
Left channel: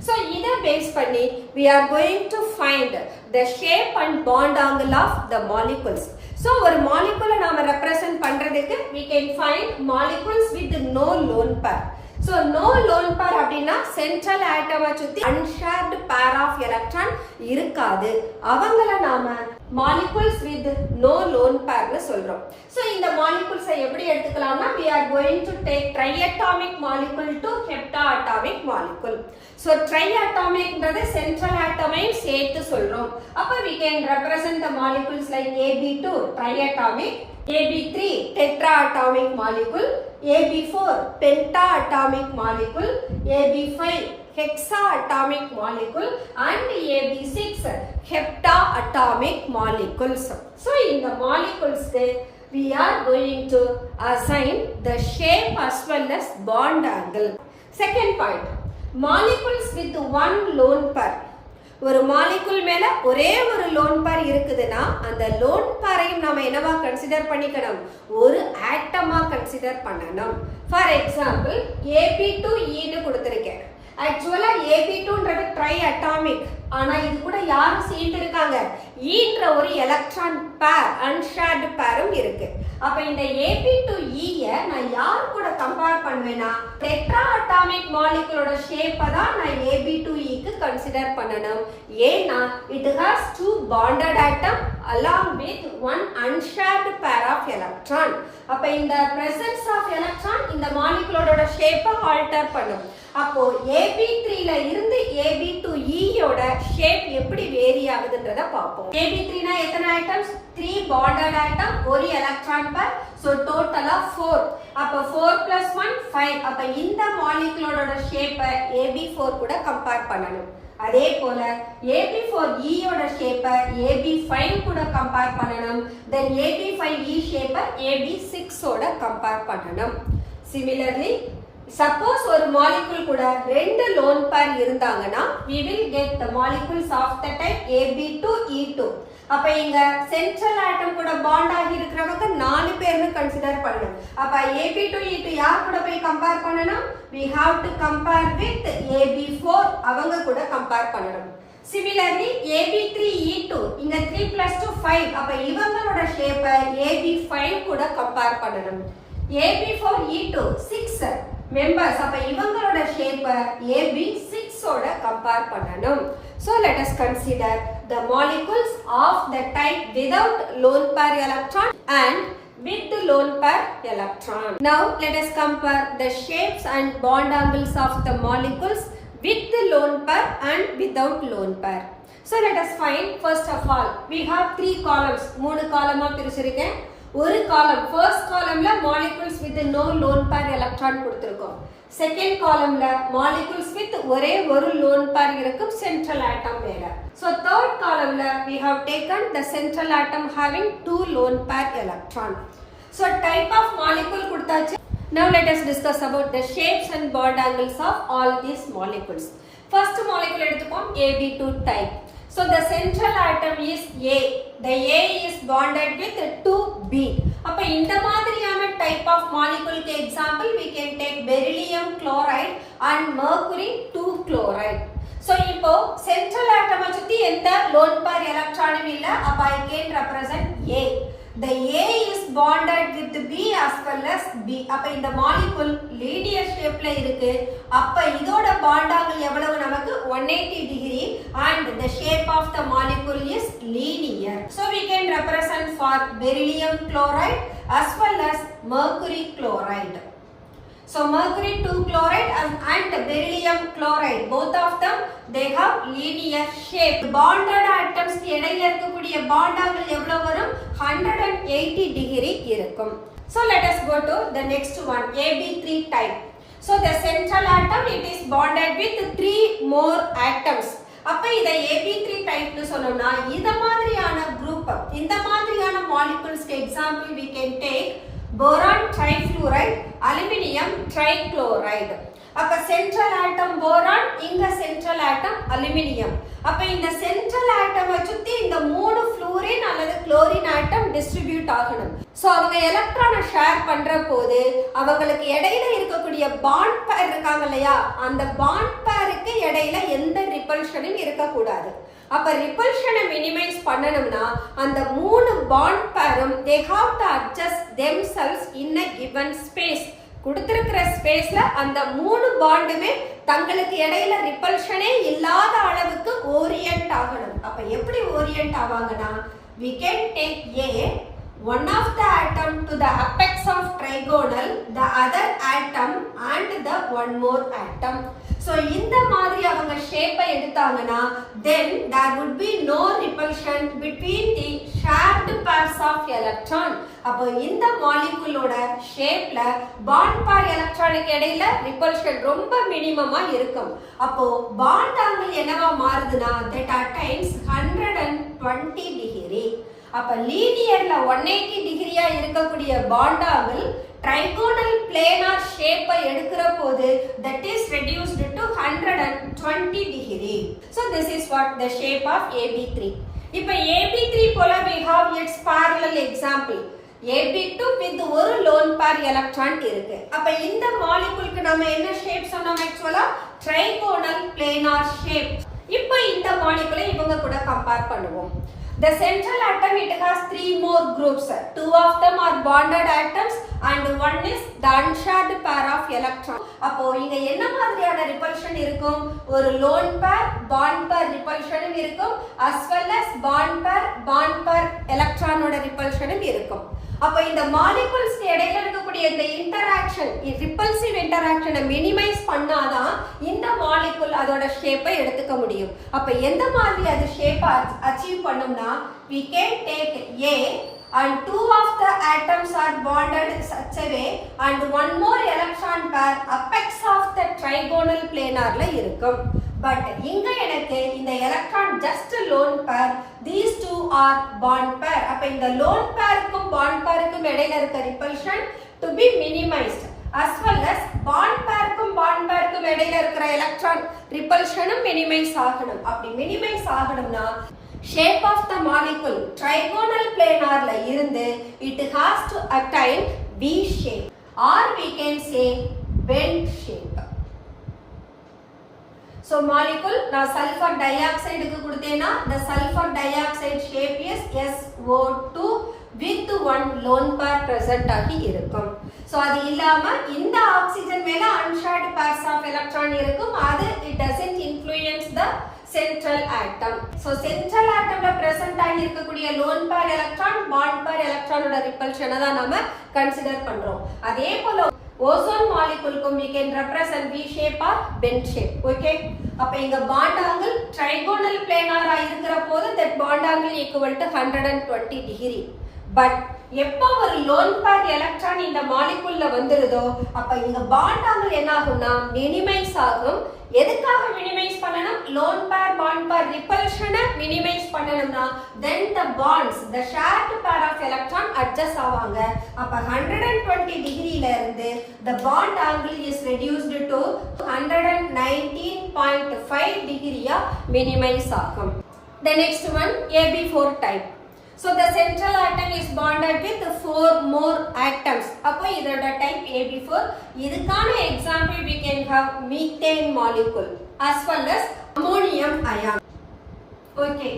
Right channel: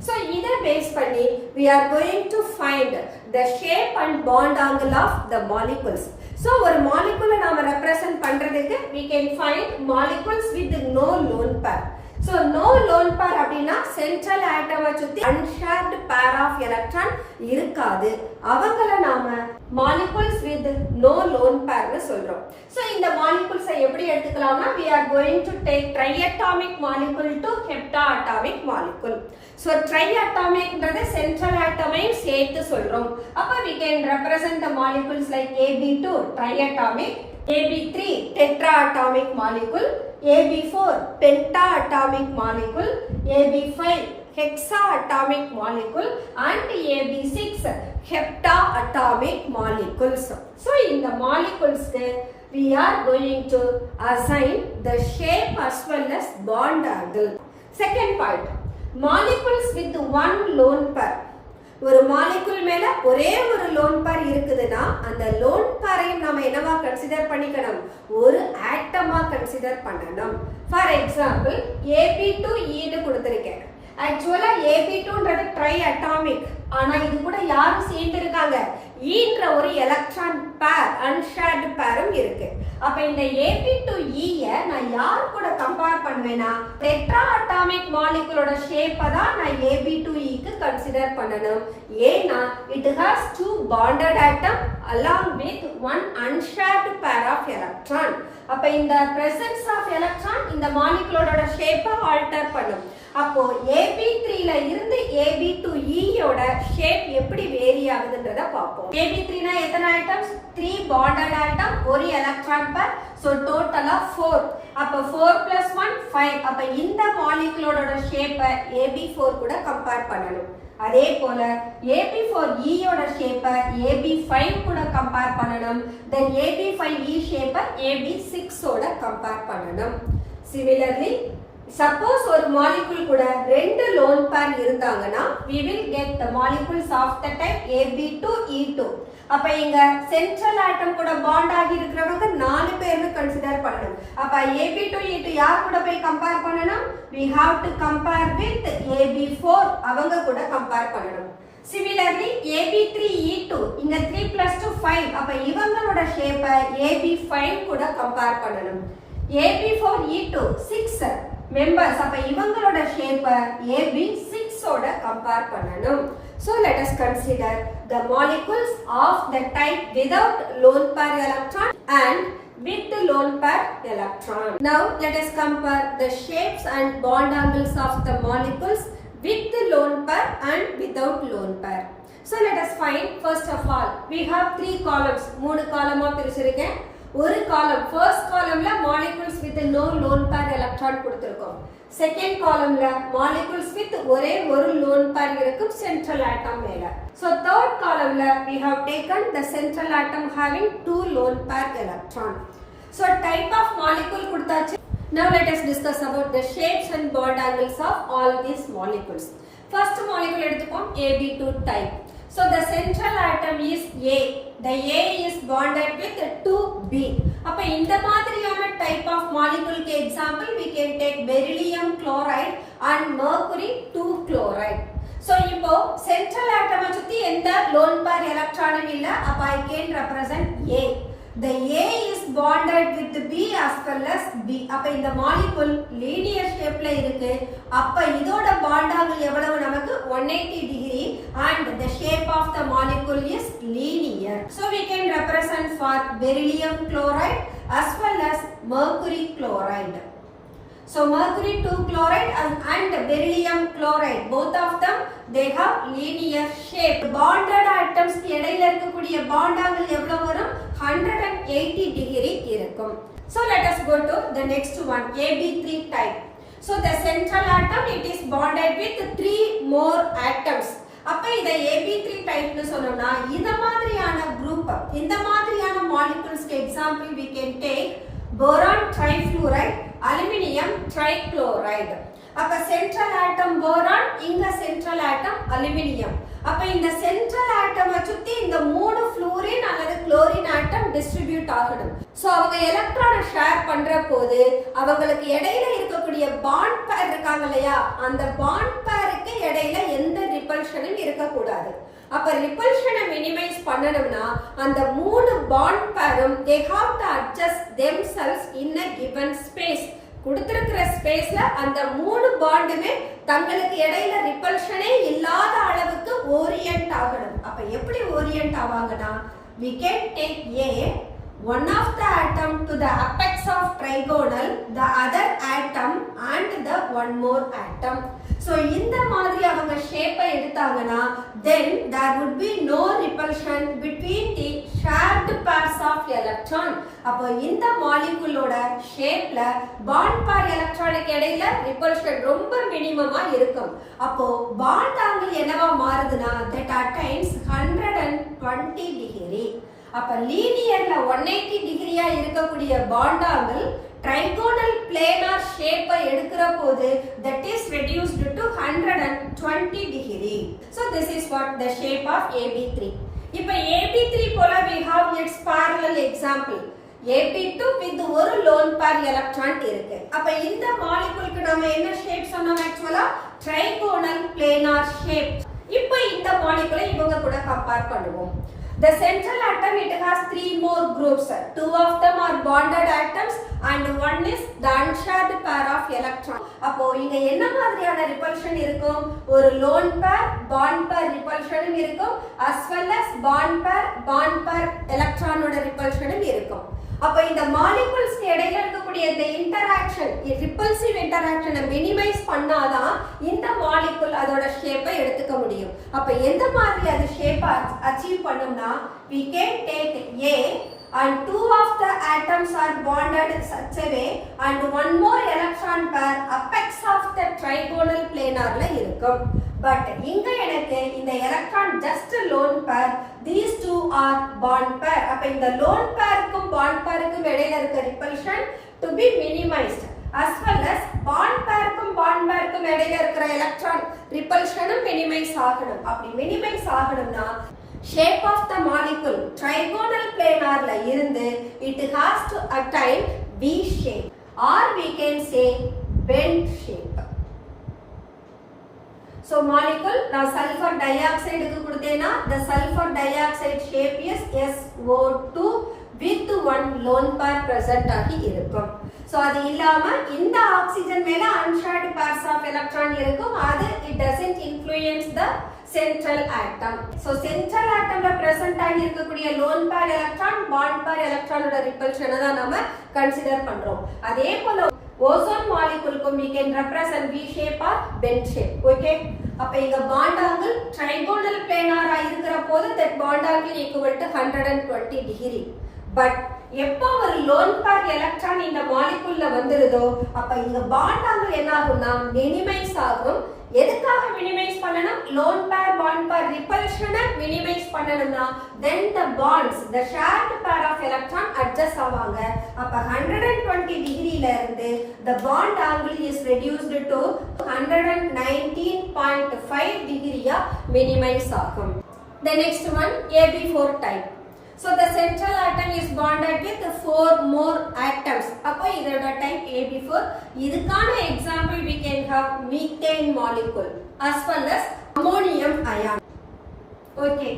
So இதை பேஸ் பண்ணி we are going to find the shape and bond angle of the molecules. So ஒரு மாலிகுலை நாம ரெப்ரசன்ட் பண்றதுக்கு we can find molecules with no lone pair. So no lone pair அப்படின்னா central atom சுத்தி unshared pair of electron இருக்காது. அவங்கள நாம molecules with no lone pair னு சொல்றோம். So இந்த molecules எப்படி எடுத்துக்கலாம்னா we are going to take triatomic molecule to heptaatomic molecule. So triatomic ன்றது central atom-ஐயும் சேர்த்து சொல்றோம். அப்ப we can represent the molecules like AB2 triatomic, AB3 tetraatomic molecule, AB4 pentaatomic molecule, AB5 hexaatomic molecule and AB6 heptaatomic molecules. So in the molecules we are going to assign the shape as well as bond angle. Second point, molecules with one lone pair. ஒரு molecule மேல ஒரே ஒரு lone pair இருக்குதுன்னா அந்த loan பேரையும் நாம என்னவா consider பண்ணிக்கணும்? ஒரு ஆட்டமா கன்சிடர் பண்ணணும். ஃபார் எக்ஸாம்பிள் AB2E ன்னு கொடுத்திருக்கேன். ஆக்சுவலா AB2ன்றது ட்ரை அட்டாமிக். ஆனா இது கூட யாரும் சேர்ந்து இருக்காங்க? ஈன்ற ஒரு எலக்ட்ரான் பேர் அன்ஷேர்டு பேரும் இருக்கு. அப்ப இந்த AB2E நான் யார் கூட கம்பேர் பண்ணுவேன்னா டெட்ரா அட்டாமிக் மாலிகுலோட ஷேப்பை தான் நான் AB2E கன்சிடர் பண்ணணும். ஏன்னா it has 2 bonded atom along with one unshared pair of electron. அப்ப இந்த presence of electron இந்த மாலிகுலோட ஷேப்பை ஆல்டர் பண்ணும். அப்போ AB3ல இருந்து AB2E யோட ஷேப் எப்படி வேரி ஆகுதுன்றத பாப்போம். AB3 னா எத்தனை ஆட்டம்ஸ்? 3 bonded atom, ஒரு எலக்ட்ரான் பேர். சோ டோட்டலா 4. அப்ப 4 + 1 5. அப்ப இந்த மாலிகுலோட ஷேப்பை AB4 கூட கம்பேர் பண்ணணும். அதே போல AB4E யோட ஷேப்பை AB5 கூட கம்பேர் பண்ணணும். தென் AB5E ஷேப்பை AB6 ஓட கம்பேர் பண்ணணும். சிமிலர்லி சப்போஸ் ஒரு மாலிகுல் கூட ரெண்டு லோன் பேர் இருந்தாங்கன்னா we will get the molecules of the type AB2E2. அப்ப இங்க சென்ட்ரல் ஆட்டம் கூட பாண்ட் ஆகி இருக்கிறவங்க 4 பேர்னு கன்சிடர் பண்ணணும். அப்ப AB2E2 யார் கூட போய் கம்பேர் பண்ணணும்? we have to compare with AB4, அவங்க கூட கம்பேர் பண்ணணும். Similarly AB3E2 இங்க 3 plus 2 5, அப்ப இவங்களோட ஷேப்பை AB5 கூட கம்பேர் பண்ணணும். AB4E2 6 members, அப்ப இவங்களோட ஷேப்பை AB6 ஓட கம்பேர் பண்ணணும். So let us consider the molecules of the type without lone pair electron and with the lone pair electron. Now let us compare the shapes and bond angles of the molecules with the lone pair and without lone pair. So let us find, first of all we have 3 columns. 3 காலமா பிரிச்சிருக்கேன். ஒரு காலம் first columnல molecules with no lone pair electron கொடுத்திருக்கோம். second columnல molecules with ஒரே ஒரு lone pair இருக்கும் central atom மேல. So third columnல we have taken the central atom having 2 lone pair electron. So type of molecule கொடுத்தாச்சு. Now let us discuss about the shapes and bond angles of all these molecules. First molecule எடுத்துப்போம் AB2 type. So the central atom is A. The A is bonded with 2B. அப்ப இந்த மாதிரியான type of molecule க்கு example we can take beryllium chloride and mercury 2 chloride. So இப்போ central atom சுத்தி எந்த lone pair electron இல்ல. அப்ப I can represent A. The A is bonded with B as well as B. அப்ப இந்த molecule linear shapeல இருக்கு. அப்ப இதோட bond angle எவ்வளவு நமக்கு 180 degree and the shape of the molecule is linear. So we can represent for beryllium chloride as well as mercury chloride. So mercury 2 chloride and beryllium chloride, both of them they have linear shape. Bonded atoms இடையில இருக்கக்கூடிய bond angle எவ்வளவு வரும்? 180 degree இருக்கும். So let us go to the next one, AB3 type. So the central atom it is bonded with 3 more atoms. அப்ப இத AB3 type னு சொன்னோம்னா இந்த மாதிரியான group, இந்த மாதிரியான molecules க்கு example we can take boron trifluoride, aluminium trichloride. அப்ப central atom boron, இங்க central atom aluminium. அப்ப இந்த central atom சுத்தி இந்த 3 fluorine அல்லது chlorine atom distribute ஆகணும். சோ அவங்க எலக்ட்ரானை ஷேர் பண்ற போது அவங்களுக்கு இடையில இருக்கக்கூடிய bond pair இருக்காங்க இல்லையா, அந்த bond pairக்கு இடையில எந்த ரிப்பல்ஷனும் இருக்க கூடாது. அப்ப ரிப்பல்ஷனை மினிமைஸ் பண்ணனும்னா அந்த 3 bond pairum they have to adjust themselves in a given space. கொடுத்திருக்கிற ஸ்பேஸ்ல அந்த 3 பாண்டுமே தங்களுக்கு இடையில ரிப்பல்ஷனே இல்லாத அளவுக்கு ஓரியன்ட் ஆகணும். அப்ப எப்படி orient ஆவாங்கன்னா we can take A, one of the atom to the apex of trigonal, the other atom and the one more atom. So இந்த மாதிரி அவங்க ஷேப்பை எடுத்தாங்கன்னா then there would be no repulsion between the shared pairs of electron. அப்போ இந்த மாலிகுலோட ஷேப்ல bond பேர் எலக்ட்ரானுக்கு இடையில ரிப்பல்ஷன் ரொம்ப மினிமமா இருக்கும். அப்போ பாண்ட் ஆங்கிள் என்னவா மாறுதுன்னா that attains 120 degree. அப்ப லீனியர்ல 180 டிகிரியா இருக்கக்கூடிய bond angle trigonal planar shape எடுக்கிற போது that is reduced to 120 degree. So this is what the shape of AB3. இப்ப AB3 போல we have its parallel example. AB2 with ஒரு lone pair electron இருக்கு. அப்ப இந்த மாலிகுலுக்கு நாம என்ன ஷேப் சொன்னோம்? ஆக்சுவலா trigonal planar shape. இப்போ இந்த மாலிகுலை இவங்க கூட கம்பேர் பண்ணுவோம். The central atom it has 3 more groups. 2 of them are bonded atoms and one is the unshared pair of electron. அப்போ இங்க என்ன மாதிரியான ரிப்பல்ஷன் இருக்கும்? ஒரு lone pair bond pair ரிப்பல்ஷனும் இருக்கும் as well as bond pair electron ஓட ரிப்பல்ஷனும் இருக்கும். அப்ப இந்த மாலிகுல்ஸ் இடையில இருக்கக்கூடிய இந்த இன்டராக்ஷன், ரிப்பல்சிவ் இன்டராக்ஷனை மினிமைஸ் பண்ணாதான் இந்த மாலிகுல் அதோட ஷேப்பை எடுத்துக்க முடியும். அப்ப எந்த மாதிரி அது ஷேப்பை அச்சீவ் பண்ணும்னா we can take A and 2 of the atoms are bonded such a way and one more electron pair apex of the trigonal planarல இருக்கும். But இங்க எனக்கு இந்த electron just lone pair, these two are bond pair. அப்ப இந்த lone pairக்கும் bond pairக்கும் இடையில இருக்க repulsion to be minimized, as well as bond pairக்கும் இடையில இருக்கிற electron repulsionம் minimize ஆகணும். அப்படி minimize ஆகணும்னா shape of the molecule trigonal planarல இருந்து it has to attain V shape, or we can say bent shape. So molecule நான் sulfur dioxide க்கு கொடுத்தேனா the sulfur dioxide shape is SO2 with one lone pair present ஆகி இருக்கும். So அது இல்லாம இந்த oxygen மேல unshared pairs of electron இருக்கும். அது it doesn't influence the central atom. So central atomல present ஆகி இருக்கக்கூடிய lone pair electron bond pair electron ஓட repulsion தான் நாம consider பண்றோம். அதே போல ozone molecule க்கும் we can represent V shape or bent shape. Okay, அப்ப இங்க bond angle trigonal planar ஆ இருக்கிற போது that bond angle equal to 120 degree. But எப்போ ஒரு lone pair electron இந்த moleculeல வந்துருதோ அப்ப இங்க bond angle என்ன ஆகும்னா minimize ஆகும். எதுக்காக minimize பண்ணனும்? lone pair bond pair repulsion minimize பண்ணனும்னா then the bonds, the shared pair of electron adjust ஆவாங்க. அப்ப 120 டிகிரில இருந்து the bond angle is reduced to 119.5 டிகிரியா minimize ஆகும். The next one AB4 type. So the central atom is bonded with 4 more atoms. அப்போ இதோட type AB4. இதுக்கான example we can have methane molecule as well as ammonium ion. Okay,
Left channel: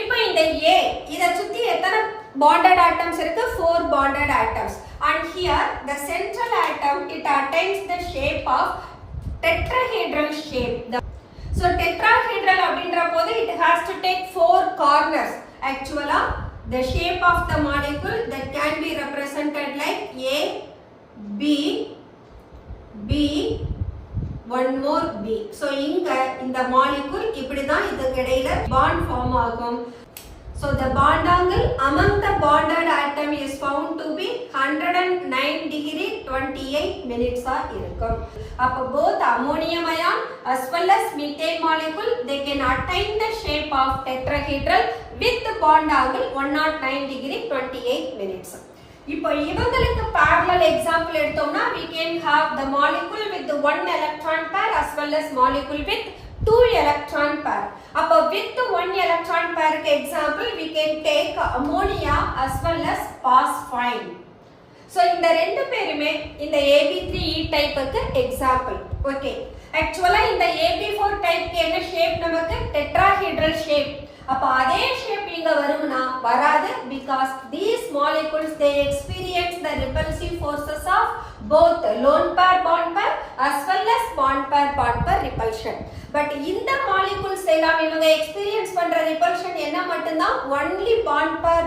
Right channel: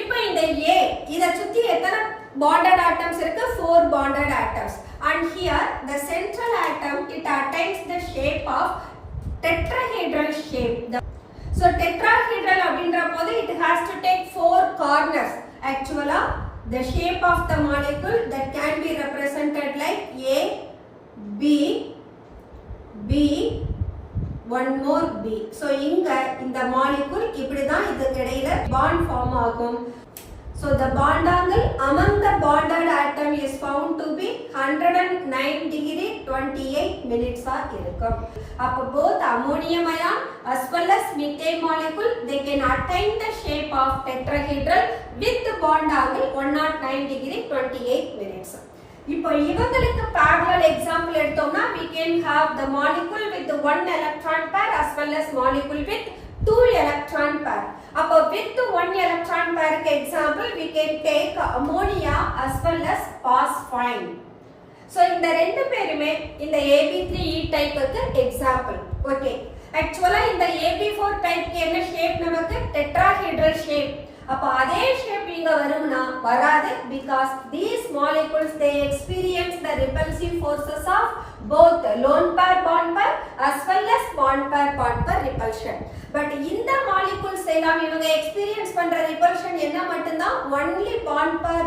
இப்போ இந்த A இத சுத்தி எத்தனை bonded atoms இருக்கு? 4 bonded atoms. And here the central atom it attains the shape of tetrahedral shape. So tetrahedral அப்படின்ற போது it has to take 4 corners. Actually the shape of the molecule that can be represented like A, B, B, one more B. So in the molecule இப்படிதான் இதுக்கு இடையில bond form ஆகும். So the bond angle among the bonded atom is found to be 109 degree 28 minutes ஆ இருக்கும். அப்ப both ammonium ion as well as methane molecule they can attain the shape of tetrahedral with the bond angle 109 degree 28 minutes. இப்போ இவங்களுக்கு parallel example எடுத்தோம்னா we can have the molecule with the one electron pair as well as molecule with two electron pair. அப்ப with one electron pair க்கு example we can take ammonia as well as phosphine. So இந்த ரெண்டு பேருமே இந்த AB3E type க்கு example. Okay, actually இந்த AB4 type க்கு என்ன shape நமக்கு tetrahedral shape. அப்ப அதே shape இங்க வரும்னா வராது because these molecules they experience the repulsive forces of both lone pair bond pair as well as bond pair repulsion. But இந்த molecules எல்லாம் இவங்க experience பண்ற repulsion என்ன மட்டும்தான் only bond pair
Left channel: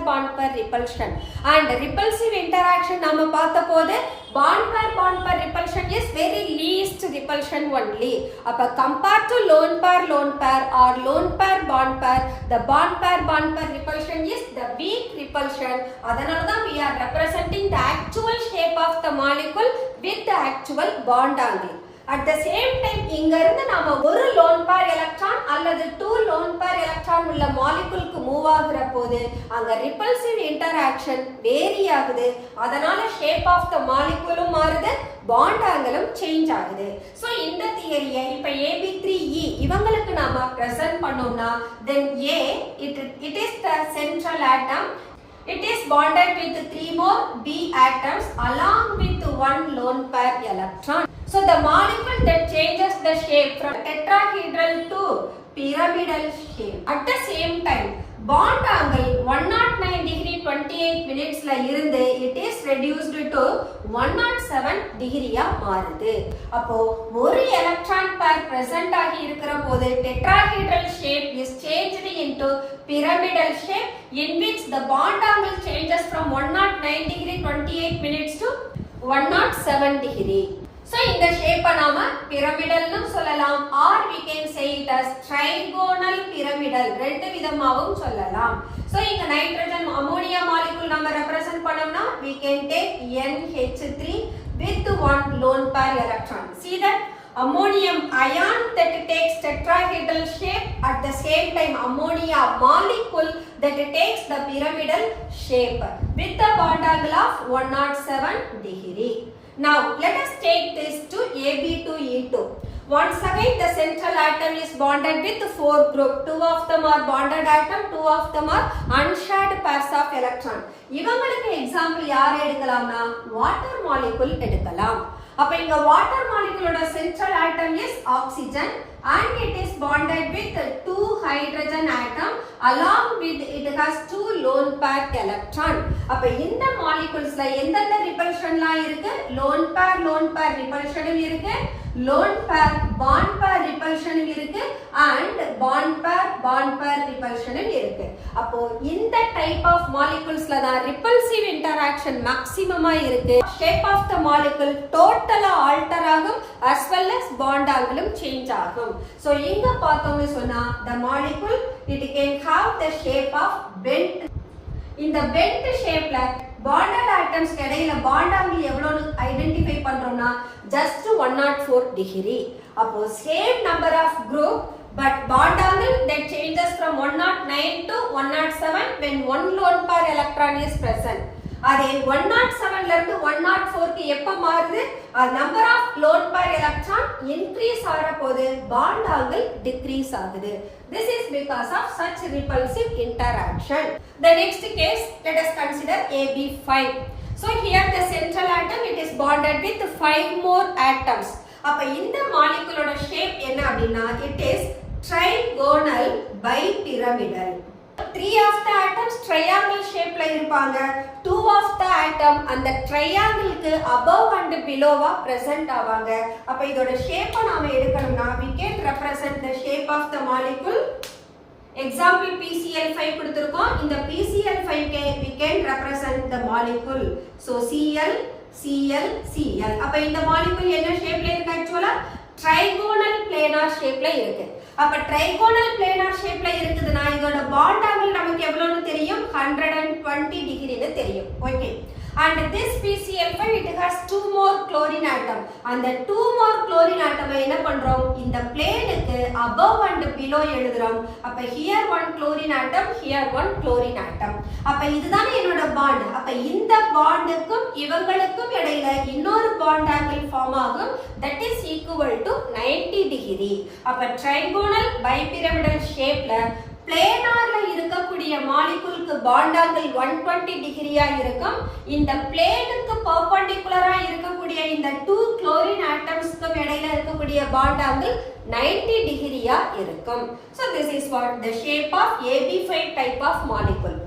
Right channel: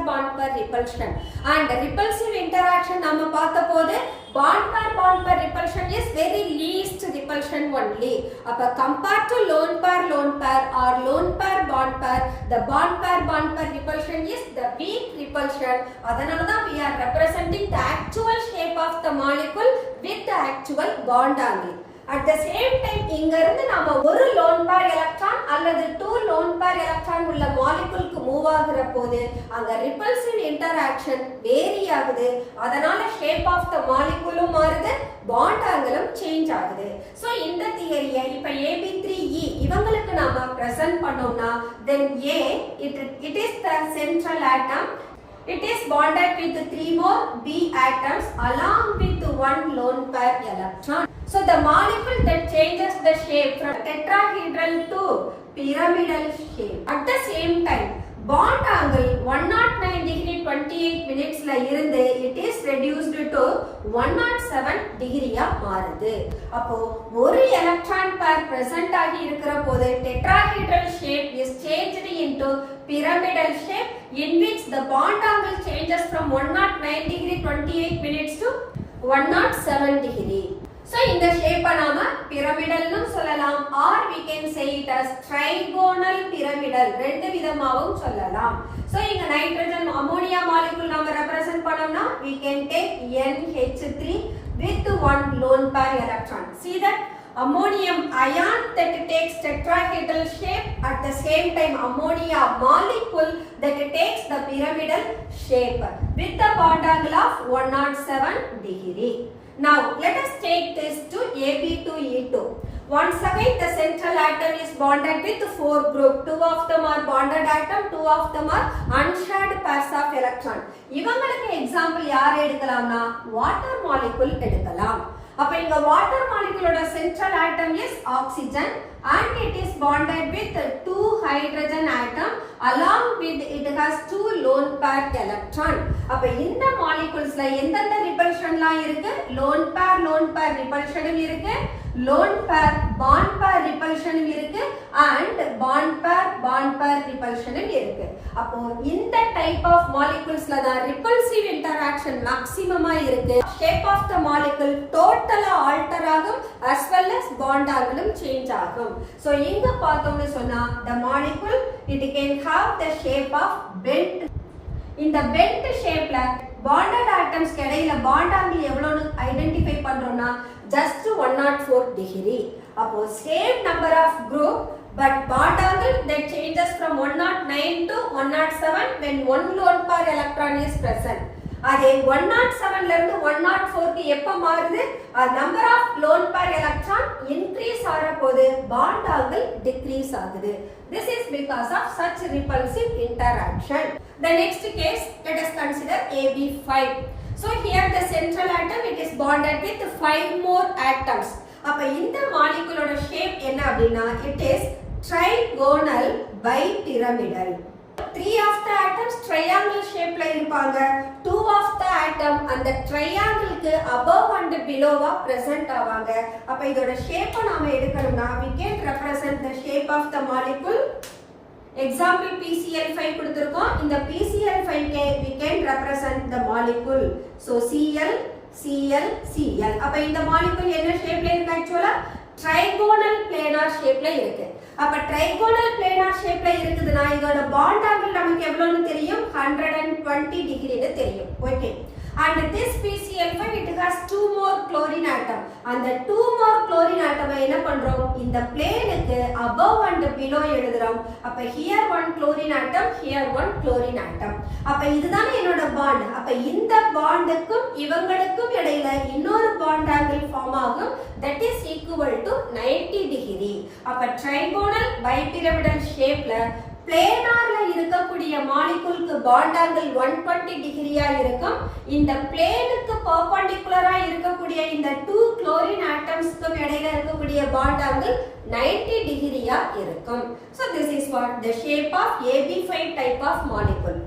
repulsion. And repulsive interaction நாம பார்த்தபோது bond pair repulsion is very least repulsion only. அப்ப compared to lone pair or lone pair the bond pair repulsion is the weak repulsion. அதனால தான் we are representing the actual shape of the molecule with the actual bond angle. At the same time இங்க இருந்து நாம ஒரு lone pair electron அல்லது 2 lone pair electron உள்ள molecule க்கு move ஆகுற போது அங்க repulsive interaction vary ஆகுது. அதனால shape of the molecule மாறுது, bond angle change ஆகுது. So இந்த தியரியை இப்ப AB3E இவங்களுக்கு நாம present பண்ணோம்னா then A it is the central atom. It is bonded with 3 more B atoms along with one lone pair electron. So the molecule that changes the shape from tetrahedral to pyramidal shape. At the same time, bond angle 109 degree 28 minutes la irundhu it is reduced to 107 degree ah மாறுது. அப்போ ஒரு electron pair present ஆகி இருக்கிற போது tetrahedral shape is changed into pyramidal shape in which the bond angle changes from 109 degree 28 minutes to 107 degree. So இந்த shape நாம pyramidal னு சொல்லலாம் or we can say it as trigonal pyramidal. ரெண்டு விதமாவும் சொல்லலாம். So இங்க nitrogen ammonia molecule நாம represent பண்ணோம்னா we can take NH3 with one lone pair electron. See that ammonium ion that takes tetrahedral shape, at the same time ammonia molecule that takes the pyramidal shape with the bond angle of 107 degree. Now let us take this to AB to E2. Once again the central atom is bonded with 4 group. 2 of them are bonded atom, 2 of them are unshared pairs of electron. இவங்களுக்கு example யார் எடுக்கலாம்னா water molecule எடுக்கலாம். அப்ப இங்க water மாலிகுலோட central atom is oxygen and it is bonded with 2 hydrogen atom along with it has 2 lone pair electron. அப்ப இந்த மாலிகுல்ஸ்ல எந்தெந்த ரிபல்ஷன்லாம் இருக்கு? lone pair repulsion இருக்கு, lone pair bond pair repulsion இருக்கு and bond pair repulsion இருக்கு. அப்போ இந்த டைப் ஆஃப் மாலிகுல்ஸ்ல தான் ரிபல்சிவ் இன்டராக்ஷன் மேக்ஸிமமா இருக்கு. ஷேப் ஆஃப் த மாலிகுல் டோட்டலா ஆல்டர் ஆகும் as well as bond angle change ஆகும். So இங்க பார்த்தோம்னு சொன்னா the molecule it can have the shape of bent. இந்த bent shapeல bonded atoms இடையில bond angle எவ்வளவு ஐடென்டிஃபை பண்றோம்னா just 104 degree. அப்போ same number of group but bond angle that changes from 109 to 107 when one lone pair electron is present. அதே 107 ல இருந்து 104 க்கு எப்ப மாறுது? Number of lone pair electron increase ஆற போது பாண்ட் ஆங்கிள் டிக்ரீஸ் ஆகுது. This is because of such repulsive interaction. The next case, let us consider AB5. So here the central atom it is bonded with 5 more atoms. அப்ப இந்த மாலிகுலோட shape என்ன அப்படினா it is trigonal bipyramidal. 3 of the atoms triangle shape ல இருப்பாங்க. 2 of the atom அந்த triangle க்கு above and below present ஆவாங்க. அப்ப இதோட ஷேப்பை நாம எடுக்கணும்னா we can represent the shape of the molecule. Example PCl5 கொடுத்திருக்கோம். இந்த PCl5 க்கு we can represent the molecule. So Cl Cl Cl. அப்ப இந்த molecule என்ன ஷேப்ல இருக்கு? ஆக்சுவலா trigonal planar shapeல இருக்கு. அப்ப trigonal planar shapeல இருக்குதுனா இதோட bond angle நமக்கு எவ்வளவுன்னு தெரியும்? 120 degree ன்னு தெரியும். Okay. And this PCl5 it has 2 more chlorine atom. அந்த 2 more chlorine atom என்ன பண்றோம்? இந்த பிளேனுக்கு above and below எழுதுறோம். அப்ப here one chlorine atom, here one chlorine atom. அப்ப இதுதான் என்னோட bond. அப்ப இந்த bondக்கும் இவங்களுக்கும் இடையில இன்னொரு bond angle form ஆகும். That is equal to 90 degree. அப்ப trigonal bipyramidal shapeல பிளேனார்ல இருக்கக்கூடிய மாலிகுலுக்கு பாண்ட் ஆங்கிள் 120 டிகிரியா இருக்கும். இந்த பிளேனுக்கு பெர்பெண்டிகுலரா இருக்கக்கூடிய இந்த 2 குளோரின் ஆட்டம்ஸ்க்கு இடையில இருக்கக்கூடிய பாண்ட் ஆங்கிள் 90 டிகிரியா இருக்கும். So this is what the shape of AB5 type of molecule.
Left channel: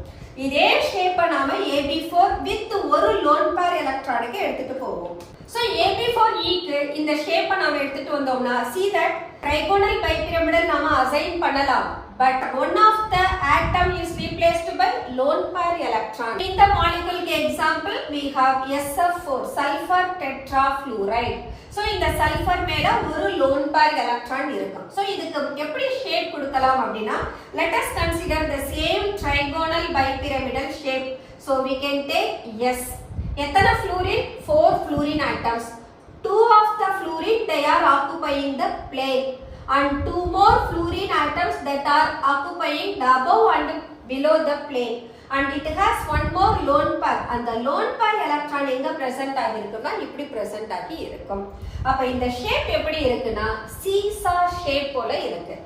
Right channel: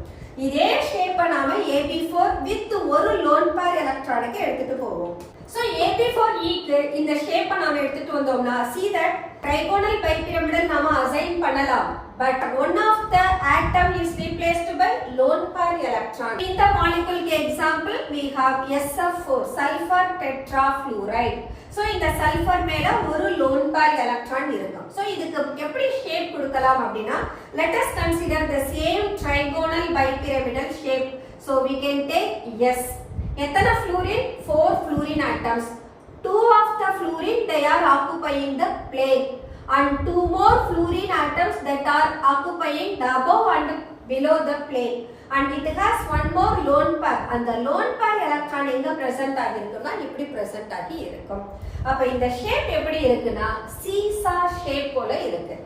இதே ஷேப்பை நாம AB4 with ஒரு லோன் பேர் எலக்ட்ரானுக்கு எடுத்துட்டு போவோம். So AB4E க்கு இந்த ஷேப்பை நாம எடுத்துட்டு வந்தோம்னா see that trigonal bipyramidal நாம அசைன் பண்ணலாம். But one of the atom is replaced by lone pair electron. In the molecule example, we have SF4, sulfur tetrafluoride. So இந்த sulfur மேல ஒரு lone pair electron இருக்கும். So இதுக்கு எப்படி shape கொடுக்கலாம் அப்படினா let us consider the same trigonal bipyramidal shape. So we can take S. எத்தனை fluorine? 4 fluorine atoms. 2 of the fluorine they are occupying the plane. And 2 more fluorine atoms that are occupying the above and below the plane. And it has one more lone pair. And the lone pair electron எங்க present ஆகி இருக்குன்னா இப்படி present ஆகி இருக்கும். அப்ப இந்த shape எப்படி இருக்குன்னா சீசா ஷேப் போல இருக்கு.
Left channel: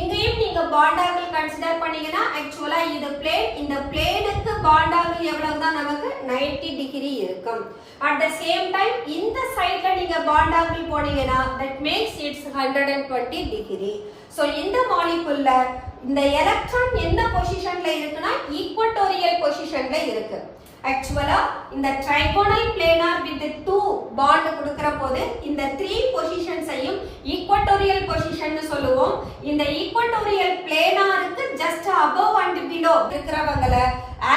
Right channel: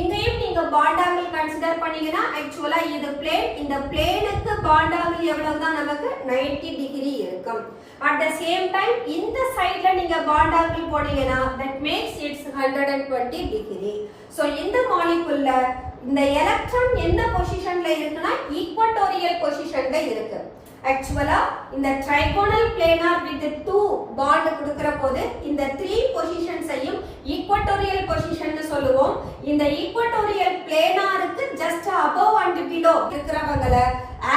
இங்கேயும் நீங்க பாண்ட் ஆங்கிள் கன்சிடர் பண்ணீங்கன்னா ஆக்சுவலா இது பிளேன், இந்த பிளேனுக்கு பாண்ட் ஆங்கிள் எவ்வளவுதான் நமக்கு 90 டிகிரி இருக்கும். At the same time இந்த சைடுல நீங்க பாண்ட் ஆங்கிள் போனீங்கன்னா that makes it 120 degree. So இந்த மாலிகுல்ல இந்த எலக்ட்ரான் என்ன பொசிஷன்ல இருக்குன்னா ஈக்குவட்டோரியல் பொசிஷன்ல இருக்கு. ஆக்சுவலா இந்த trigonal planar with 2 bond கொடுக்கிற போது இந்த 3 பொசிஷன்ஸையும் ஈக்குவட்டோரியல் பொசிஷன் சொல்லுவோம். இந்த ஈக்குவட்டோரியல் பிளேனாருக்கு ஜஸ்ட் above and below இருக்கிறவங்கள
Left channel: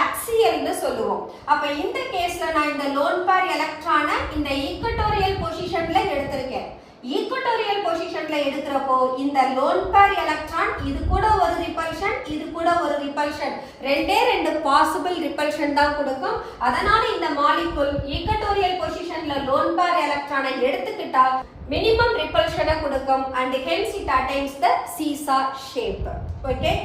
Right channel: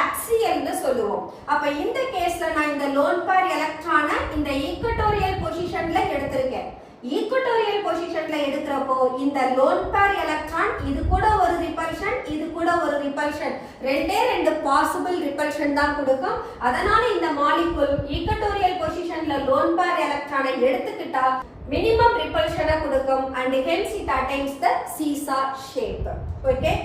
axial னு சொல்லுவோம். அப்ப இந்த கேஸ்ல நான் இந்த lone pair எலக்ட்ரானை இந்த ஈக்குவட்டோரியல் பொசிஷன்ல எடுத்திருக்கேன். ஈக்குவட்டோரியல் பொசிஷன்ல எடுக்கிறப்போ இந்த லோன் பேர் எலக்ட்ரான் இது கூட ஒரு ரிபல்ஷன், இது கூட ஒரு ரிபல்ஷன், ரெண்டு பாசிபிள் ரிபல்ஷன் தான் கொடுக்கும். அதனால இந்த மாலிகுல் ஈக்குவட்டோரியல் பொசிஷன்ல லோன் பேர் எலக்ட்ரானை எடுத்துக்கிட்டா minimum repulsion கொடுக்கும் and hence it attains the seesaw shape. Okay,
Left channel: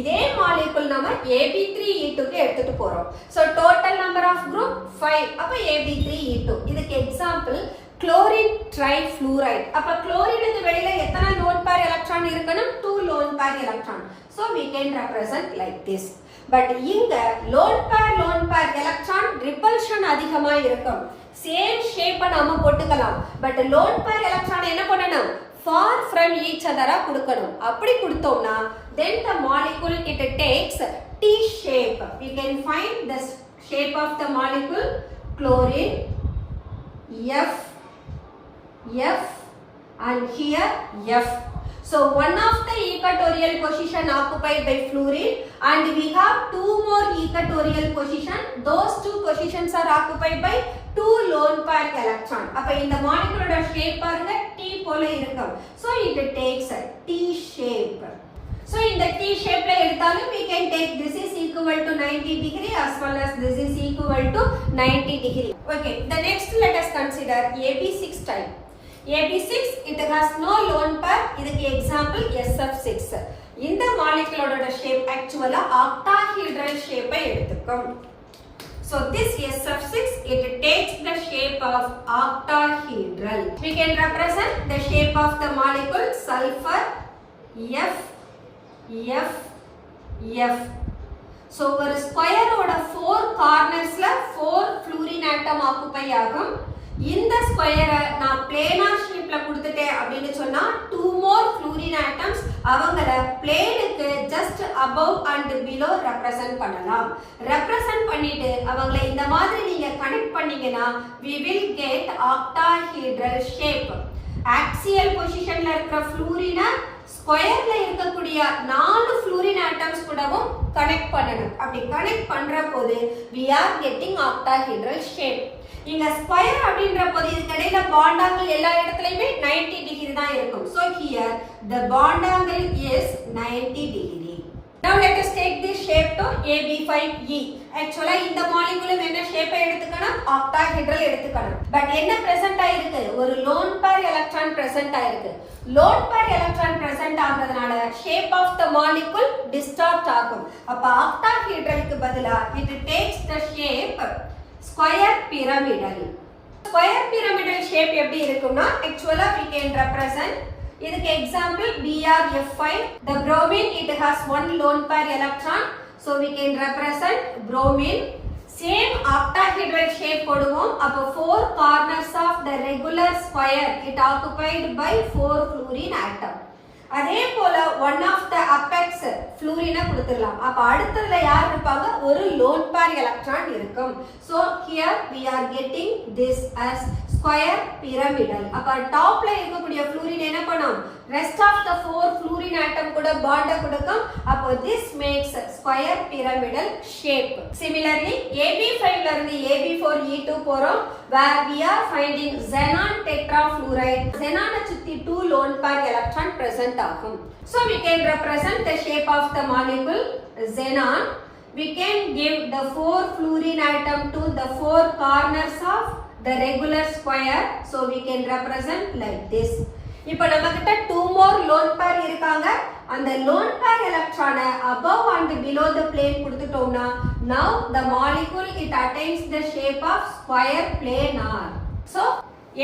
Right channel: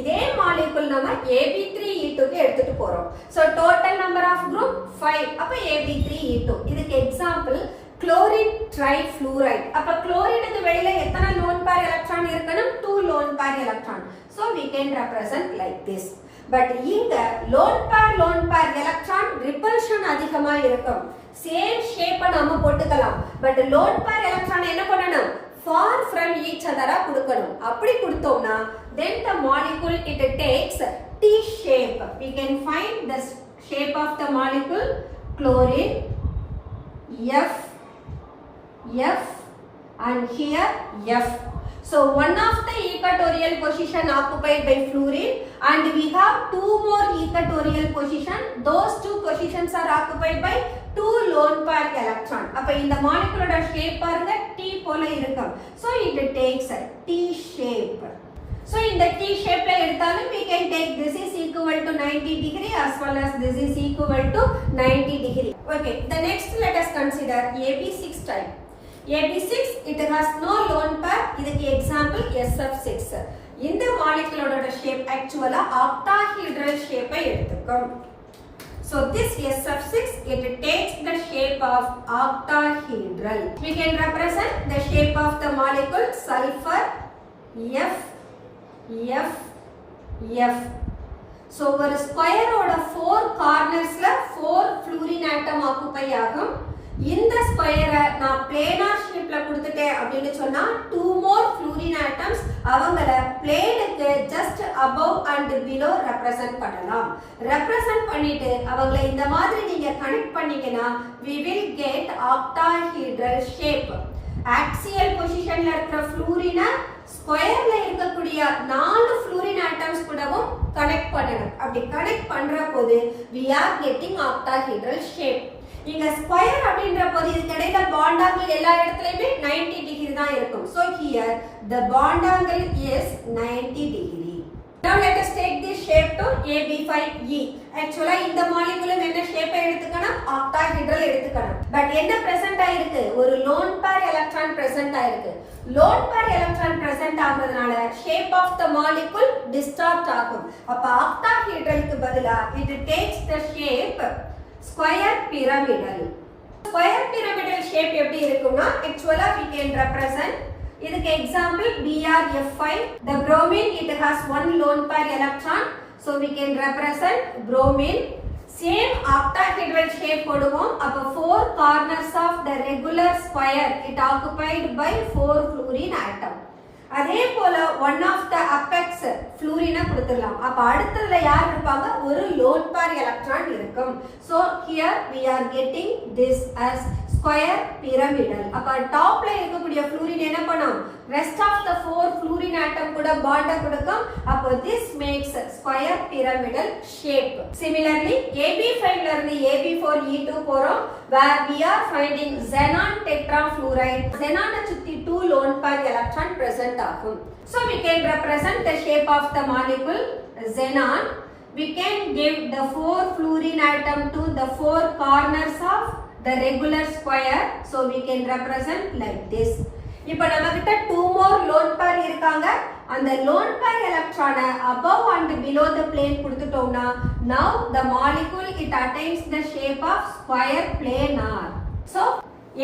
இதே molecule நம்ம AB3E2 க்கு எடுத்துட்டு போறோம். So total number of group 5. அப்ப AB3E2. இதுக்கு example chlorine trifluoride. அப்ப chlorineக்கு வெளியில எத்தனை lone pair electron இருக்கணும்? 2 lone pair electron. So we can represent like this. But இங்க lone pair electron repulsion அதிகமா இருக்கும். Same shape நாம போட்டுக்கலாம். But lone pair electron என்ன பண்ணணும்? Far from each other கொடுக்கணும். அப்படி கொடுத்தோம்னா then the molecule it takes T shape. We can find the shape of the molecule chlorine F and here F. So one of the equatorial position occupied by fluorine and we have two more equatorial position. Those two positions are occupied by two lone pair electron. அப்ப இந்த molecule shape பாருங்க T போல இருக்கும். So it takes a T shape. So in the T shape எடுத்தாலும் we can take this is equal to 90 degree as well as this is equal to 90 degree. Okay, the next let us consider AB6 type. AB6 it has no lone pair. இதுக்கு example SF6. இந்த molecule shape actually octahedral shape எடுத்துக்கும். So this SF6 it takes the shape of octahedral. We can represent the shape of the molecule sulfur F. So ஒரு square ஓட 4 கார்னர்ஸ்ல 4 fluorine atom occupy ஆகும். இந்த ஸ்கொயரை நான் planar ஷேப்ல கொடுத்துட்டேன் அப்படின்னு சொன்னா 2 more fluorine atoms அவங்கள பிளேனுக்கு just above and below represent பண்ணலாம். ரெப்ரசன்ட் பண்ணிட்டு அவங்கள இந்த மாதிரி நீங்க கனெக்ட் பண்ணீங்கன்னா we will get octahedral shape. Axial பொசிஷன்ல இருக்கிற fluorine ஸ்கொயர்ல இருக்கக்கூடிய 4 fluorine atoms கூடவும் கனெக்ட் பண்ணணும். அப்படி கனெக்ட் பண்ற போது we are getting octahedral shape. இங்க ஸ்கொயர் அப்படின்ற போது இதுக்கு இடையில bond angle எல்லா இடத்துலயுமே 90 டிகிரி தான் இருக்கும். So here the bond angle is 90 degree. Now let us take this shape to AB5E. Actually இந்த molecule என்ன shape எடுத்துக்கணும்? octahedral எடுத்துக்கணும். But என்ன present ஆயிருக்கு? ஒரு lone pair electron present ஆயிருக்கு. Lone pair electron present ஆகுறதுனால shape of the molecule distort ஆகும். அப்ப octahedralக்கு பதிலா it takes the shape square pyramidal. Square pyramidal shape எப்படி இருக்கும்னா actually we can represent இதுக்கு example BrF5. The bromine it has one lone pair electron, so we can represent bromine. Same octahedral shape போடுவோம். அப்ப 4 corners of the regular square it occupied by 4 fluorine atom. அதே போல one of the apex fluorine கொடுத்துடலாம். அப்ப அடுத்ததுல யார் இருப்பாங்க? ஒரு lone pair electron இருக்கும். So here we are getting this as square pyramidal. அப்ப டாப்ல இருக்கக்கூடிய fluorine என்ன பண்ணும்? Rest of the 4 fluorine atom கூட bond கொடுக்கும். அப்ப this makes square pyramidal shape. Similarly AB5 ல இருந்து AB4E2 போறோம். Where we are finding xenon tetrafluoride. xenon சுத்தி 2 lone pair electron present ஆகும். So we can represent the shape of the molecule xenon. We can give the 4 fluorine atom to the 4 corners of the regular square. So we can represent like this. இப்போ நமக்கிட்ட 2 more lone pair இருக்காங்க. அந்த lone pair electron above and below the plane கொடுத்துட்டோம்னா now the molecule it attains the shape of square planar. So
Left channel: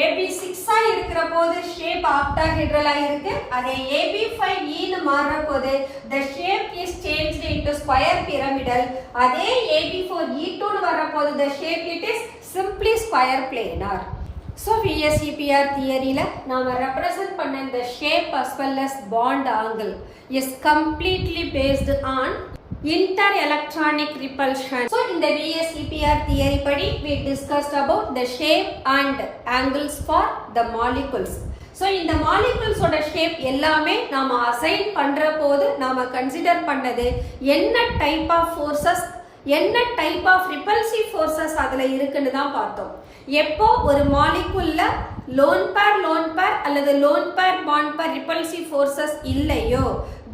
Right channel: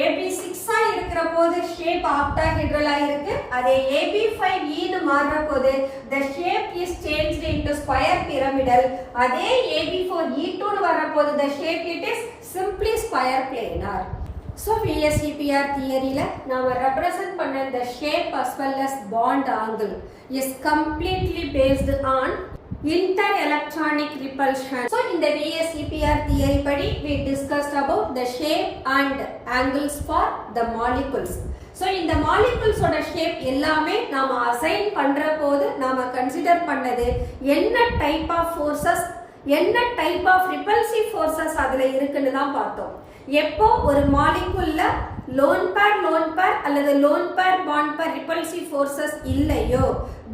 AB6 ஆ இருக்கிற போது shape octahedral ஆ இருக்கு. அதே AB5E ன்னு மாறுற போது the shape is changed into square pyramidal. அதே AB4E2 ன்னு வர போது the shape it is simply square planar. So VSEPR theoryல நாம represent பண்ண the shape as well as bond angle is completely based on interelectronic repulsion. So in the VSEPR theory படி we discussed about the shape and angles for the molecules. So இந்த molecules ஓட shape எல்லாமே நாம assign பண்ற போது நாம consider பண்ணது என்ன type of forces என்ன type of repulsive forces அதுல இருக்குன்னு தான் பார்த்தோம். எப்போ ஒரு மாலிகுல்ல lone pair அல்லது lone pair bond pair repulsive forces இல்லையோ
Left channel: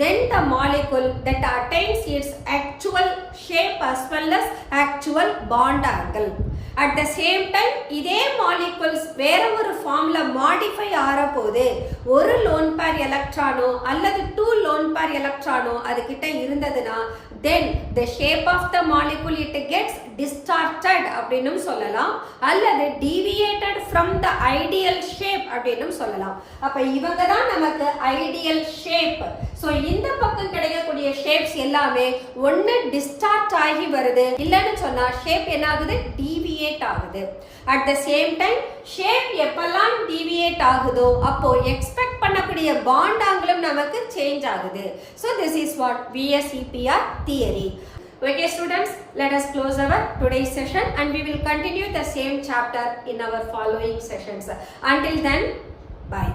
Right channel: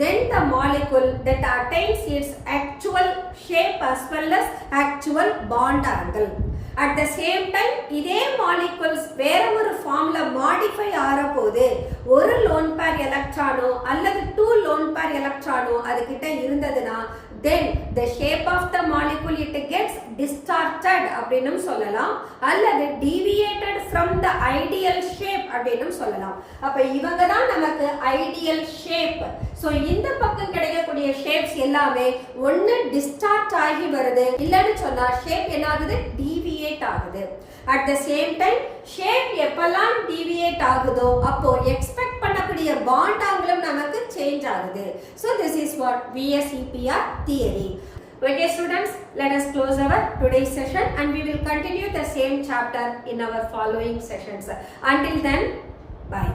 then the molecule that attains its actual shape as well as actual bond angle. at the same time இதே molecules வேற ஒரு ஃபார்ம்ல மாடிஃபை ஆற போது ஒரு lone pair எலக்ட்ரானோ அல்லது 2 lone pair எலக்ட்ரானோ அது கிட்ட இருந்ததுனா then the shape of the molecule it gets distorted அப்படினும் சொல்லலாம் அல்லது deviated from the ideal shape அப்படினும் சொல்லலாம். அப்ப இவங்க தான் நமக்கு ideal shape. so இந்த பக்கம் கிடைக்கக்கூடிய shapes எல்லாமே ஒண்ணு distort ஆகி வருது இல்லன்னு சொன்னா shape என்ன ஆகுது deviate ஆகுது. at the same time shape எப்பெல்லாம் deviate ஆகுதோ அப்போ expect பண்ணக்கூடிய bond angle நமக்கு change ஆகுது. so this is what VSEPR theory. Okay students, let us close our today's session and we will continue the same chapter in our following sessions. Until then, bye.